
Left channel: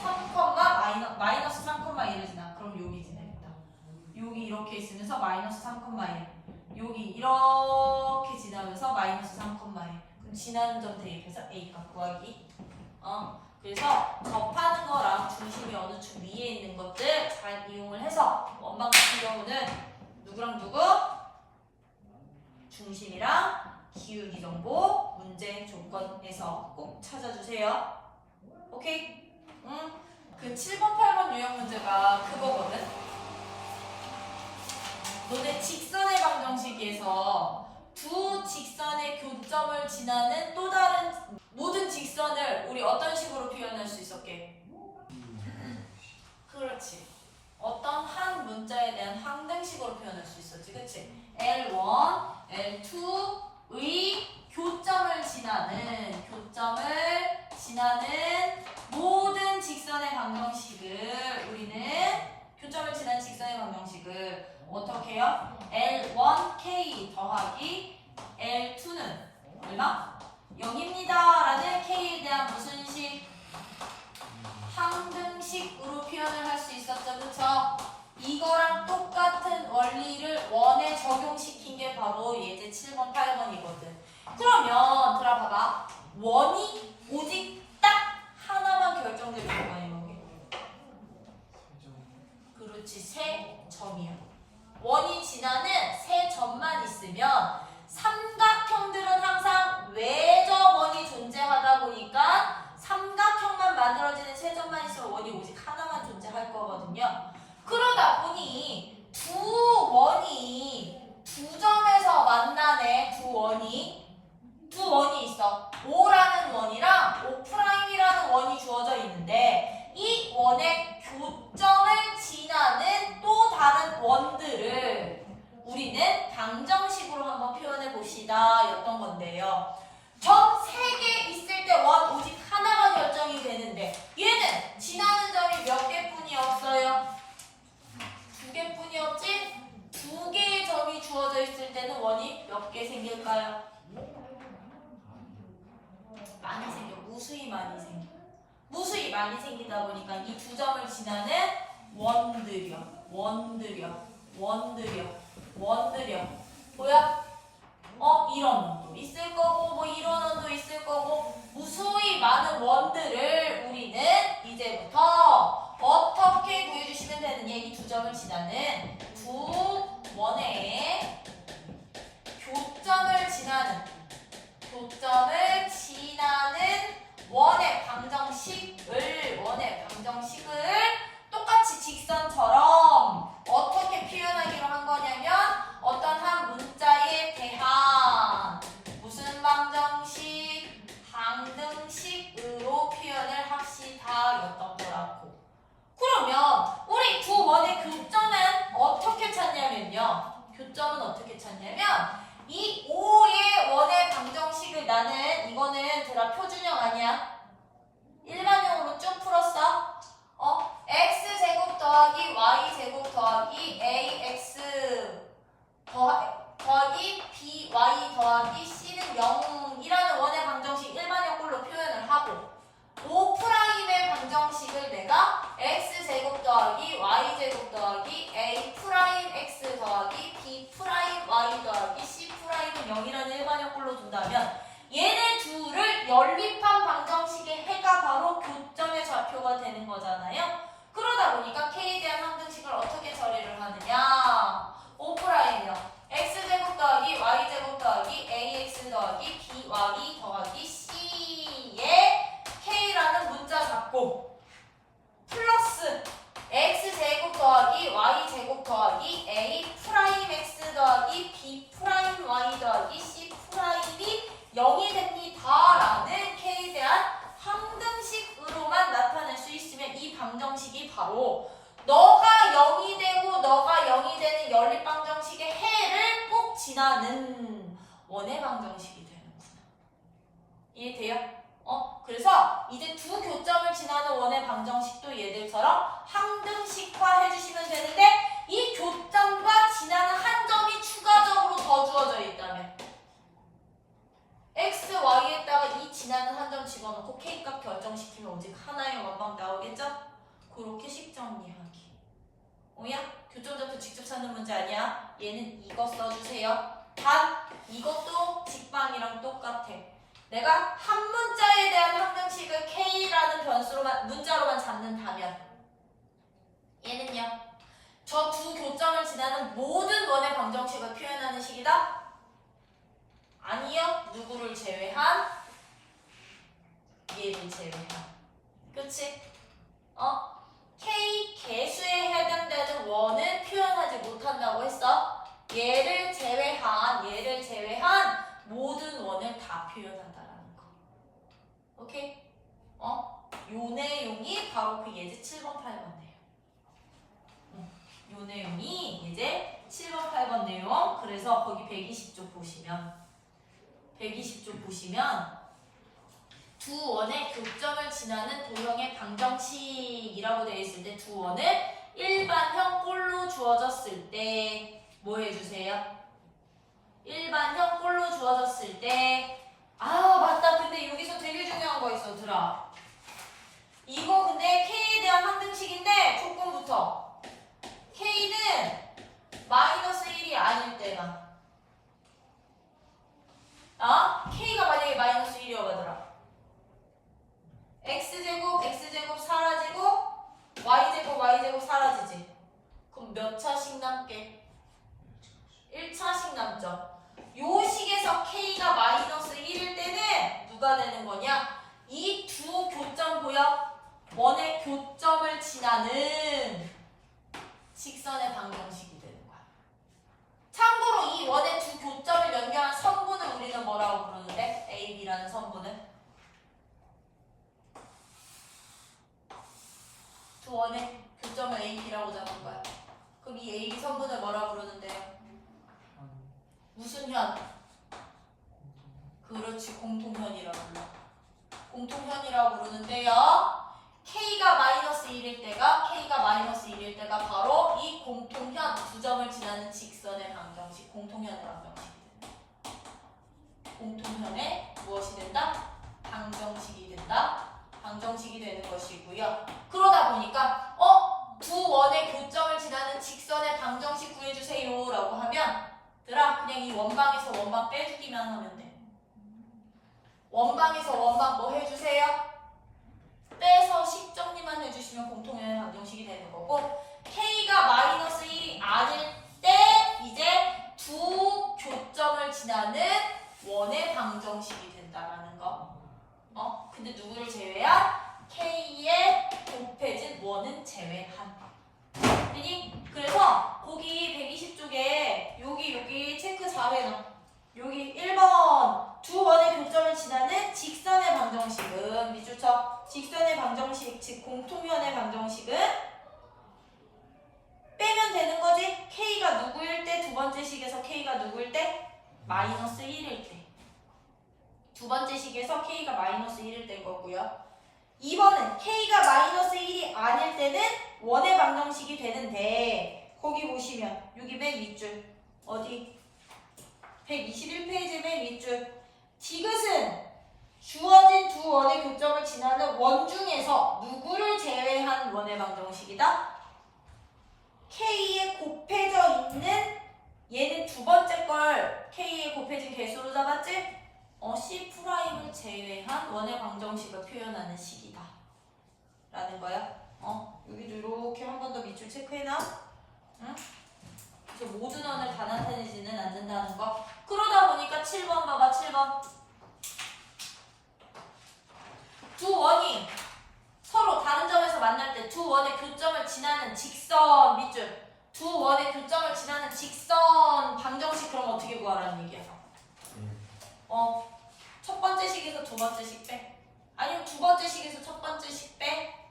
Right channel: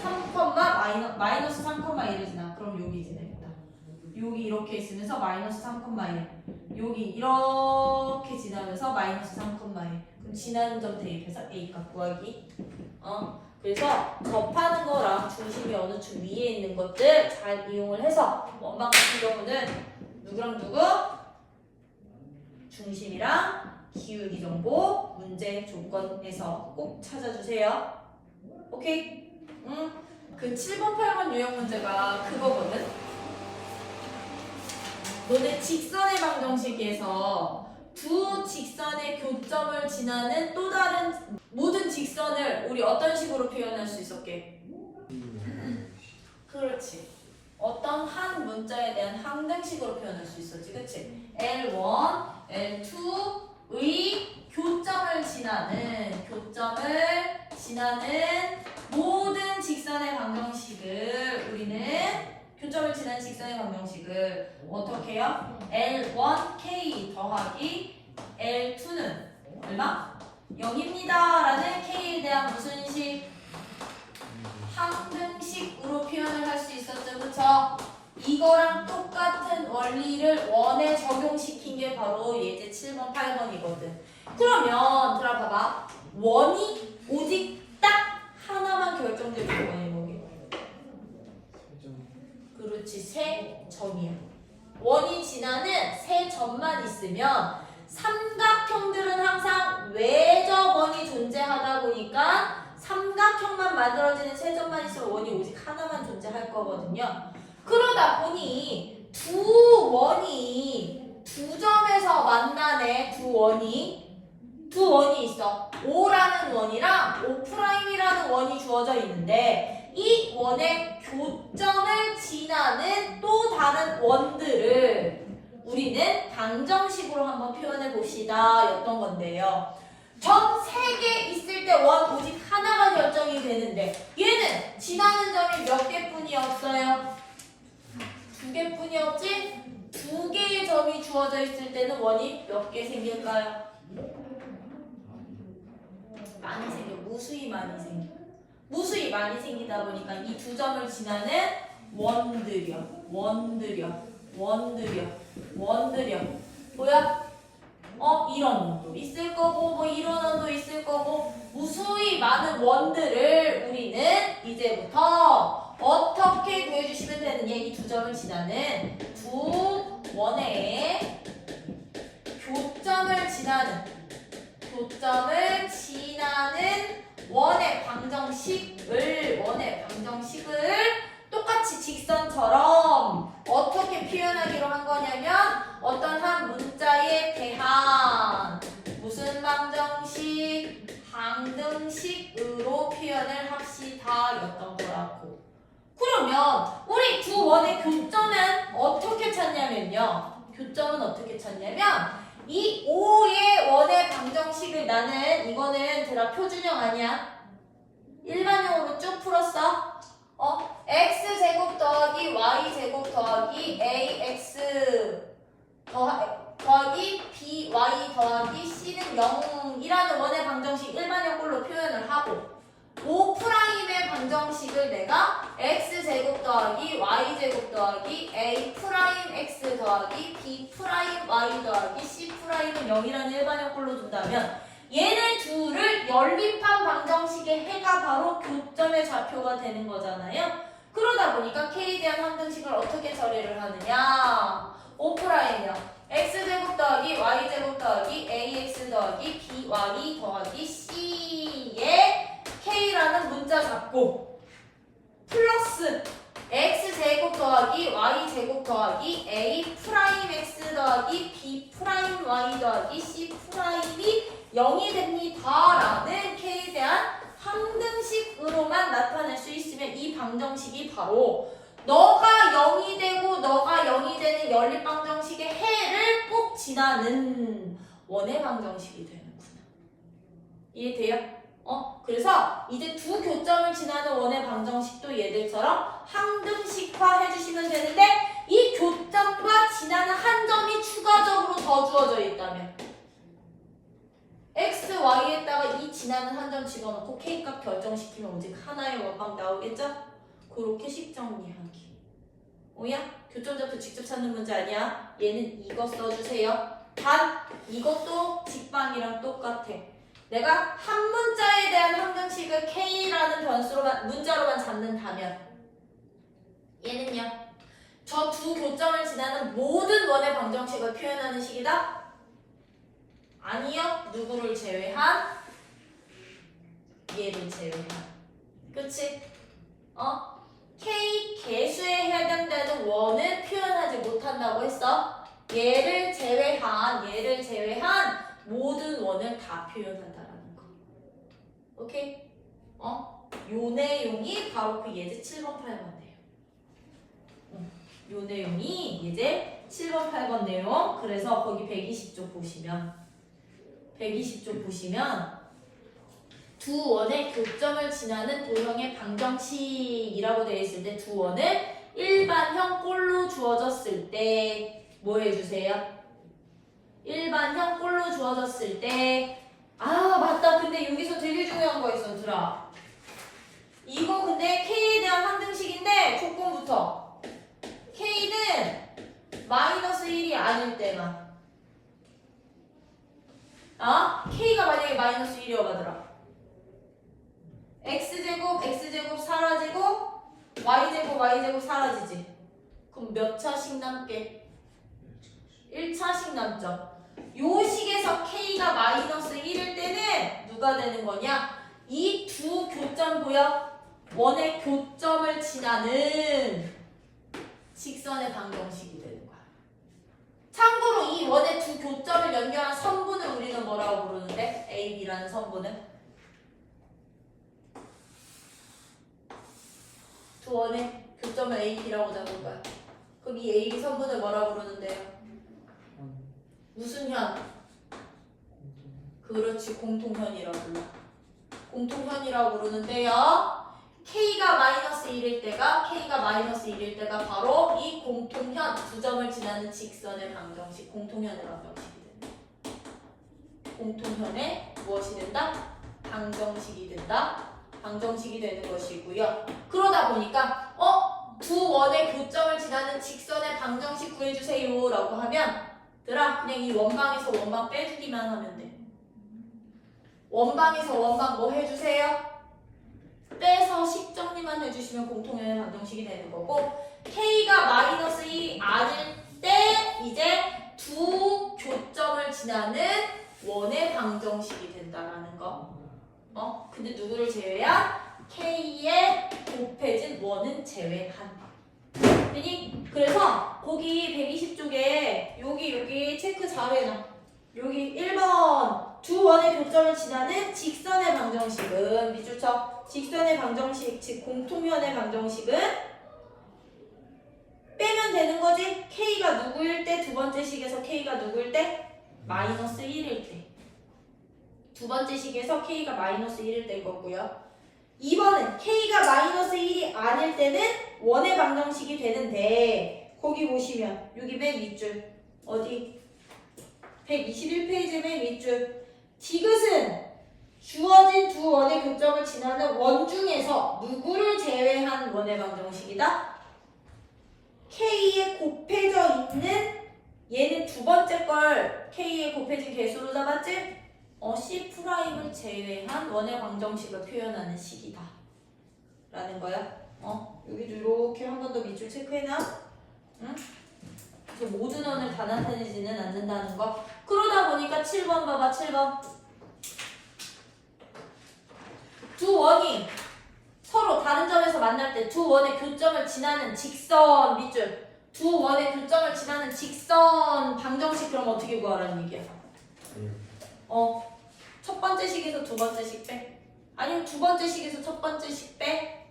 3, 마이너스 3,1을 지나. 그럼 여기 지나겠다. 여기 이렇게 있으면서 마이너스 3,1 여기 이렇게 지나면서 마이너스 3,1 그럼 지나는 점 대입해서 a값 구하기. 그래서 접하는 거랑 중심이 어느 축 위에 있는 것들 잘 이용을 해서 원방 같은 경우는 누구랑 누구? 중심이랑 기울기 정보 문제 조건에서 꼭 찾아주세요. 오케이? 그 7번, 8번 유형 문제가 그거거든? 너네 직선의 방정식에서 두 직선의 교점을 지나는 또 다른 모든 직선을 우리 어떤 식으로 표현할 수 있었게? 그렇지. 어떤 한 문자에 대한 항등식으로 표현할 수 있었지. 그치? L1, L2의 교점을 지나는 모든 직선의 방정식을 우리는 교점을 지나는 직선의 방정식을 어떻게 해요? L1K 더하기 L2는 얼마? 0입니다 라는 K에 대한 무슨 식? 항등식으로 표현을 할 수 있었죠. 그쵸? 이거랑 똑같은 원리를 원에 적용시킨 게 바로 예제 7번, 8번이거든. 그러면 들어봐봐. 원이 오직 딱 하나만 결정되는 거예요. 그렇지. 세 점이야. 원이 지나는 세 점만 있으면 삼각형들은 항상 외적 원이 존재하다 보니까 삼각형만 만들어지는 세 점만 있으면 원이 오직 하나만 존재할 거거든요. 그러다 보니 두 원이 두 점에서 만나네. 두 원이 있어. O라는 원이랑 O'이라는 원이 주어져 있는데 이 원의 교점을 지나는 또 다른 원들을 우리는 방정식으로 한번 표현해 봅시다 였던 건데요. 점 3개 있을 때 원 오직 하나가 결정이 되는데 얘는 지나는 점이 몇 개뿐이 없어요? 2개뿐이 없지? 2개의 점이 주어져 있을 때는 원이 몇 개 생길까요? 많이 생겨. 무수히 많이 생겨. 무수히 많이 생기다 보니까 이 두 점을 지나는 원들이요. 뭐야? 이런 원도 있을 거고 뭐 이런 원도 있을 거고 무수히 많은 원들을 우리는 이제부터 어떻게 구해주시면 되느냐. 이 두 점을 지나는 두 원의 교점을 지나는 원의 방정식을 똑같이 직선처럼 어떻게 표현하기로 한 거냐면 어떤 한 문자에 대한 무슨 방정식? 방등식으로 표현을 합시다 였던 거라고. 그러면 우리 두 원의 교점은 어떻게 찾냐면요. 교점은 어떻게 찾냐면 이 5의 원의 방정식을 나는 이거는 들아 표준형 아니야? 일반형으로 쭉 풀었어? x제곱 더하기 y제곱 더하기 ax 더하기 by 더하기 c는 0이라는 원의 방정식 일반형 꼴로 표현을 하고 5'의 방정식을 내가 x제곱 더하기 y제곱 더하기 a'x 더하기 b'y 더하기 c'은 0이라는 일반형 꼴로 둔다면 얘네 둘을 연립한 방정식의 해가 바로 교점의 좌표가 되는 거잖아요. 그러다 보니까 k에 대한 방정식을 어떻게 처리를 하느냐 5'이랑 x제곱 더하기 y제곱 더하기 ax 더하기 by 더하기 c에 k라는 문자 잡고 플러스 x제곱 더하기 y제곱 더하기 a'x 더하기 b'y 더하기 c'이 0이 됩니다 라는 k에 대한 항등식으로만 나타낼 수 있으면 이 방정식이 바로 너가 0이 되고 너가 0이 되는 연립방정식의 해를 꼭 지나는 원의 방정식이 되는구나. 이해돼요? 그래서 이제 두 교점을 지나는 원의 방정식도 얘들처럼 항등식화 해주시면 되는데 이 교점과 지나는 한 점이 추가적으로 더 주어져 있다면 x, y에다가 이 지나는 한 점 집어넣고 k값 결정시키면 오직 하나의 원방 나오겠죠? 그렇게 식정리하기. 오야? 교점좌표 직접 찾는 문제 아니야? 얘는 이거 써주세요. 단 이것도 직방이랑 똑같아. 내가 한 문자에 대한 항등식을 k라는 문자로만 잡는다면 얘는요. 저 두 교점을 지나는 모든 원의 방정식을 표현하는 식이다? 아니요. 누구를 제외한? 얘를 제외한. 그치? k 개수에 해당되는 원을 표현하지 못한다고 했어. 얘를 제외한 모든 원을 다 표현한다라는 거. 오케이? 요 내용이 바로 그 예제 7번, 8번이에요. 요 내용이 예제 7번, 8번 내용. 그래서 거기 120쪽 보시면 두 원의 교점을 지나는 도형의 방정식이라고 되어 있을 때 두 원을 일반형 꼴로 주어졌을 때 뭐 해주세요? 일반형 꼴로 주어졌을 때 맞다. 근데 여기서 되게 중요한 거 있어. 들아. 이거 근데 k에 대한 항등식인데 조건부터 k는 마이너스 1이 아닐 때만 k가 만약에 마이너스 1이어가더라. x제곱 사라지고 y제곱 사라지지. 그럼 몇 차씩 남게? 1차씩 남죠. 요 식에서 k가 마이너스 1일 때는 누가 되는 거냐? 이 두 교점 보여? 원의 교점을 지나는 직선의 방정식이 되는 거야. 참고로 이 원의 두 교점을 연결한 선분을 우리는 뭐라고 부르는데? AB라는 선분은? 두 원의 교점을 AB라고 잡은 거야. 그럼 이 AB 선분을 뭐라고 부르는데요? 무슨 현? 그렇지, 공통현이라고 불러. 공통현이라고 부르는데요. K가 마이너스 1일 때가 바로 이 공통현 두 점을 지나는 직선의 방정식, 공통현의 방정식이 된다. 공통현의 무엇이 된다? 방정식이 된다. 방정식이 되는 것이고요. 그러다 보니까 두 원의 교점을 지나는 직선의 방정식 구해주세요 라고 하면 그냥 이 원방에서 원방 빼주기만 하면 돼. 원방에서 원방 뭐 해주세요? 빼서 식 정리만 해주시면 공통현의 방정식이 되는 거고 K가 마이너스 1이 아닐 때 이제 두 교점을 지나는 원의 방정식이 된다라는 거. 근데 누구를 제외한? K의 곱해진 원은 제외한. 그래서 거기 120쪽에 여기 체크 잘 해놔. 여기 1번 두 원의 교점을 지나는 직선의 방정식은 밑줄 쳐. 직선의 방정식, 즉 공통면의 방정식은 빼면 되는 거지. K가 누구일 때? 두 번째 식에서 K가 누구일 때? 마이너스 1일 때. 두 번째 식에서 K가 마이너스 1일 때일 거고요. 2번은 K가 마이너스 1이 아닐 때는 원의 방정식이 되는데 거기 보시면 여기 맨 밑줄 어디 121페이지 맨 밑줄 디귿은 주어진 두 원의 교점을 지나는 원 중에서 누구를 제외한 원의 방정식이다? K에 곱해져 있는 얘는 두 번째 걸 K에 곱해진 개수로 잡았지? C'을 제외한 원의 방정식을 표현하는 식이다 라는 거야. 여기도 이렇게 한 번 더 밑줄 체크해놔. 응? 그래서 모든 원을 다 나타내지는 않는다는 거. 그러다 보니까 7번 봐봐. 7번 두 원이 서로 다른 점에서 만날 때 두 원의 교점을 지나는 직선 밑줄 두 원의 교점을 지나는 직선 방정식 그럼 어떻게 구하라는 얘기야? 첫 번째 식에서 두 번째 식 빼. 아니면 두 번째 식에서 첫 번째 식 빼.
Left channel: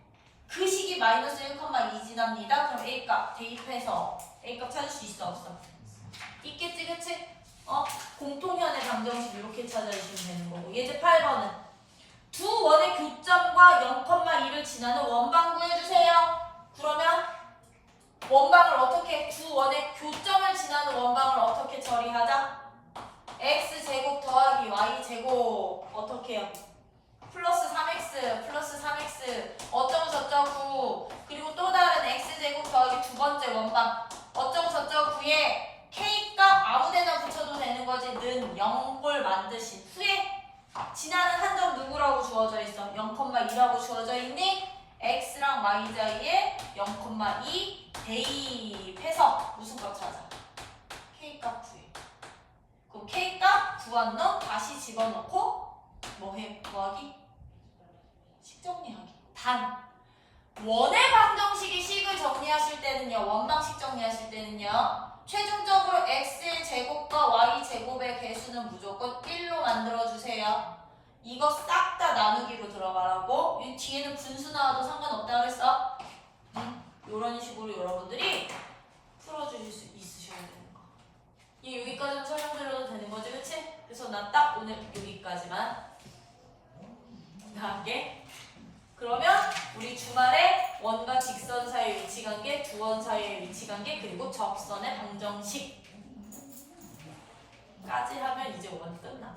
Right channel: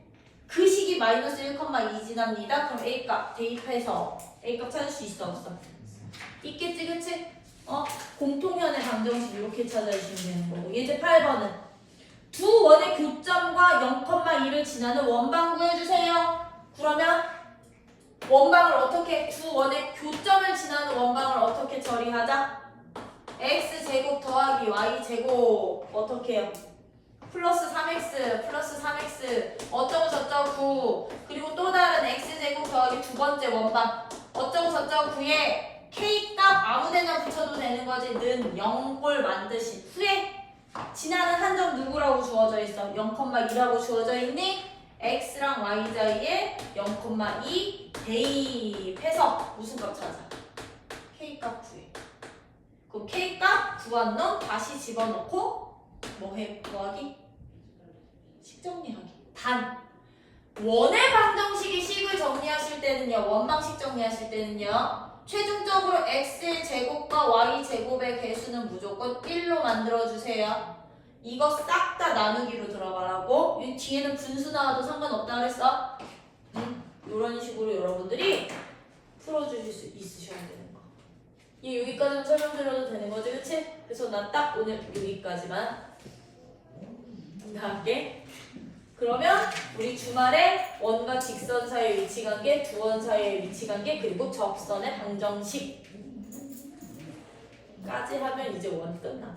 그 식이 마이너스 1,2 지납니다. 그럼 A값 대입해서 A값 찾을 수 있어 없어? 있겠지 그치? 공통현의 방정식 이렇게 찾아주시면 되는 거고. 이제 8번은 두 원의 교점과 0,1을 지나는 원방 구해주세요. 그러면 원방을 어떻게 두 원의 교점을 지나는 원방을 어떻게 처리하자? x제곱 더하기 y제곱 어떻게 해요? 플러스 3x 어쩌고 저쩌고 9 그리고 또 다른 x제곱 더하기 두 번째 원방 어쩌고 저쩌고 9에 k값 아무데나 붙여도 되는 거지. 는 0을 만드신 후에 지나는 한 점 누구라고 주어져 있어? 0,2라고 주어져 있니? x랑 y 사이에 0,2 대입해서 무슨 값 찾아? k값 구해. 그 K값 구한 놈 다시 집어넣고 뭐해? 구하기? 식정리하기. 단 원의 방정식이 식을 정리하실 때는요. 원방식 정리하실 때는요. 최종적으로 X제곱과 Y제곱의 개수는 무조건 1로 만들어주세요. 이거 싹 다 나누기로 들어가라고. 이 뒤에는 분수 나와도 상관없다 그랬어. 이런 식으로 여러분들이 풀어주실 수 있으셔야 돼요. 여기까지만 설명드려도 되는 거지, 그치? 그래서 나 딱 오늘 여기까지만 할게. 그러면 우리 주말에 원과 직선 사이의 위치관계, 두 원 사이의 위치관계, 그리고 접선의 방정식까지 하면 이제 원 끝나.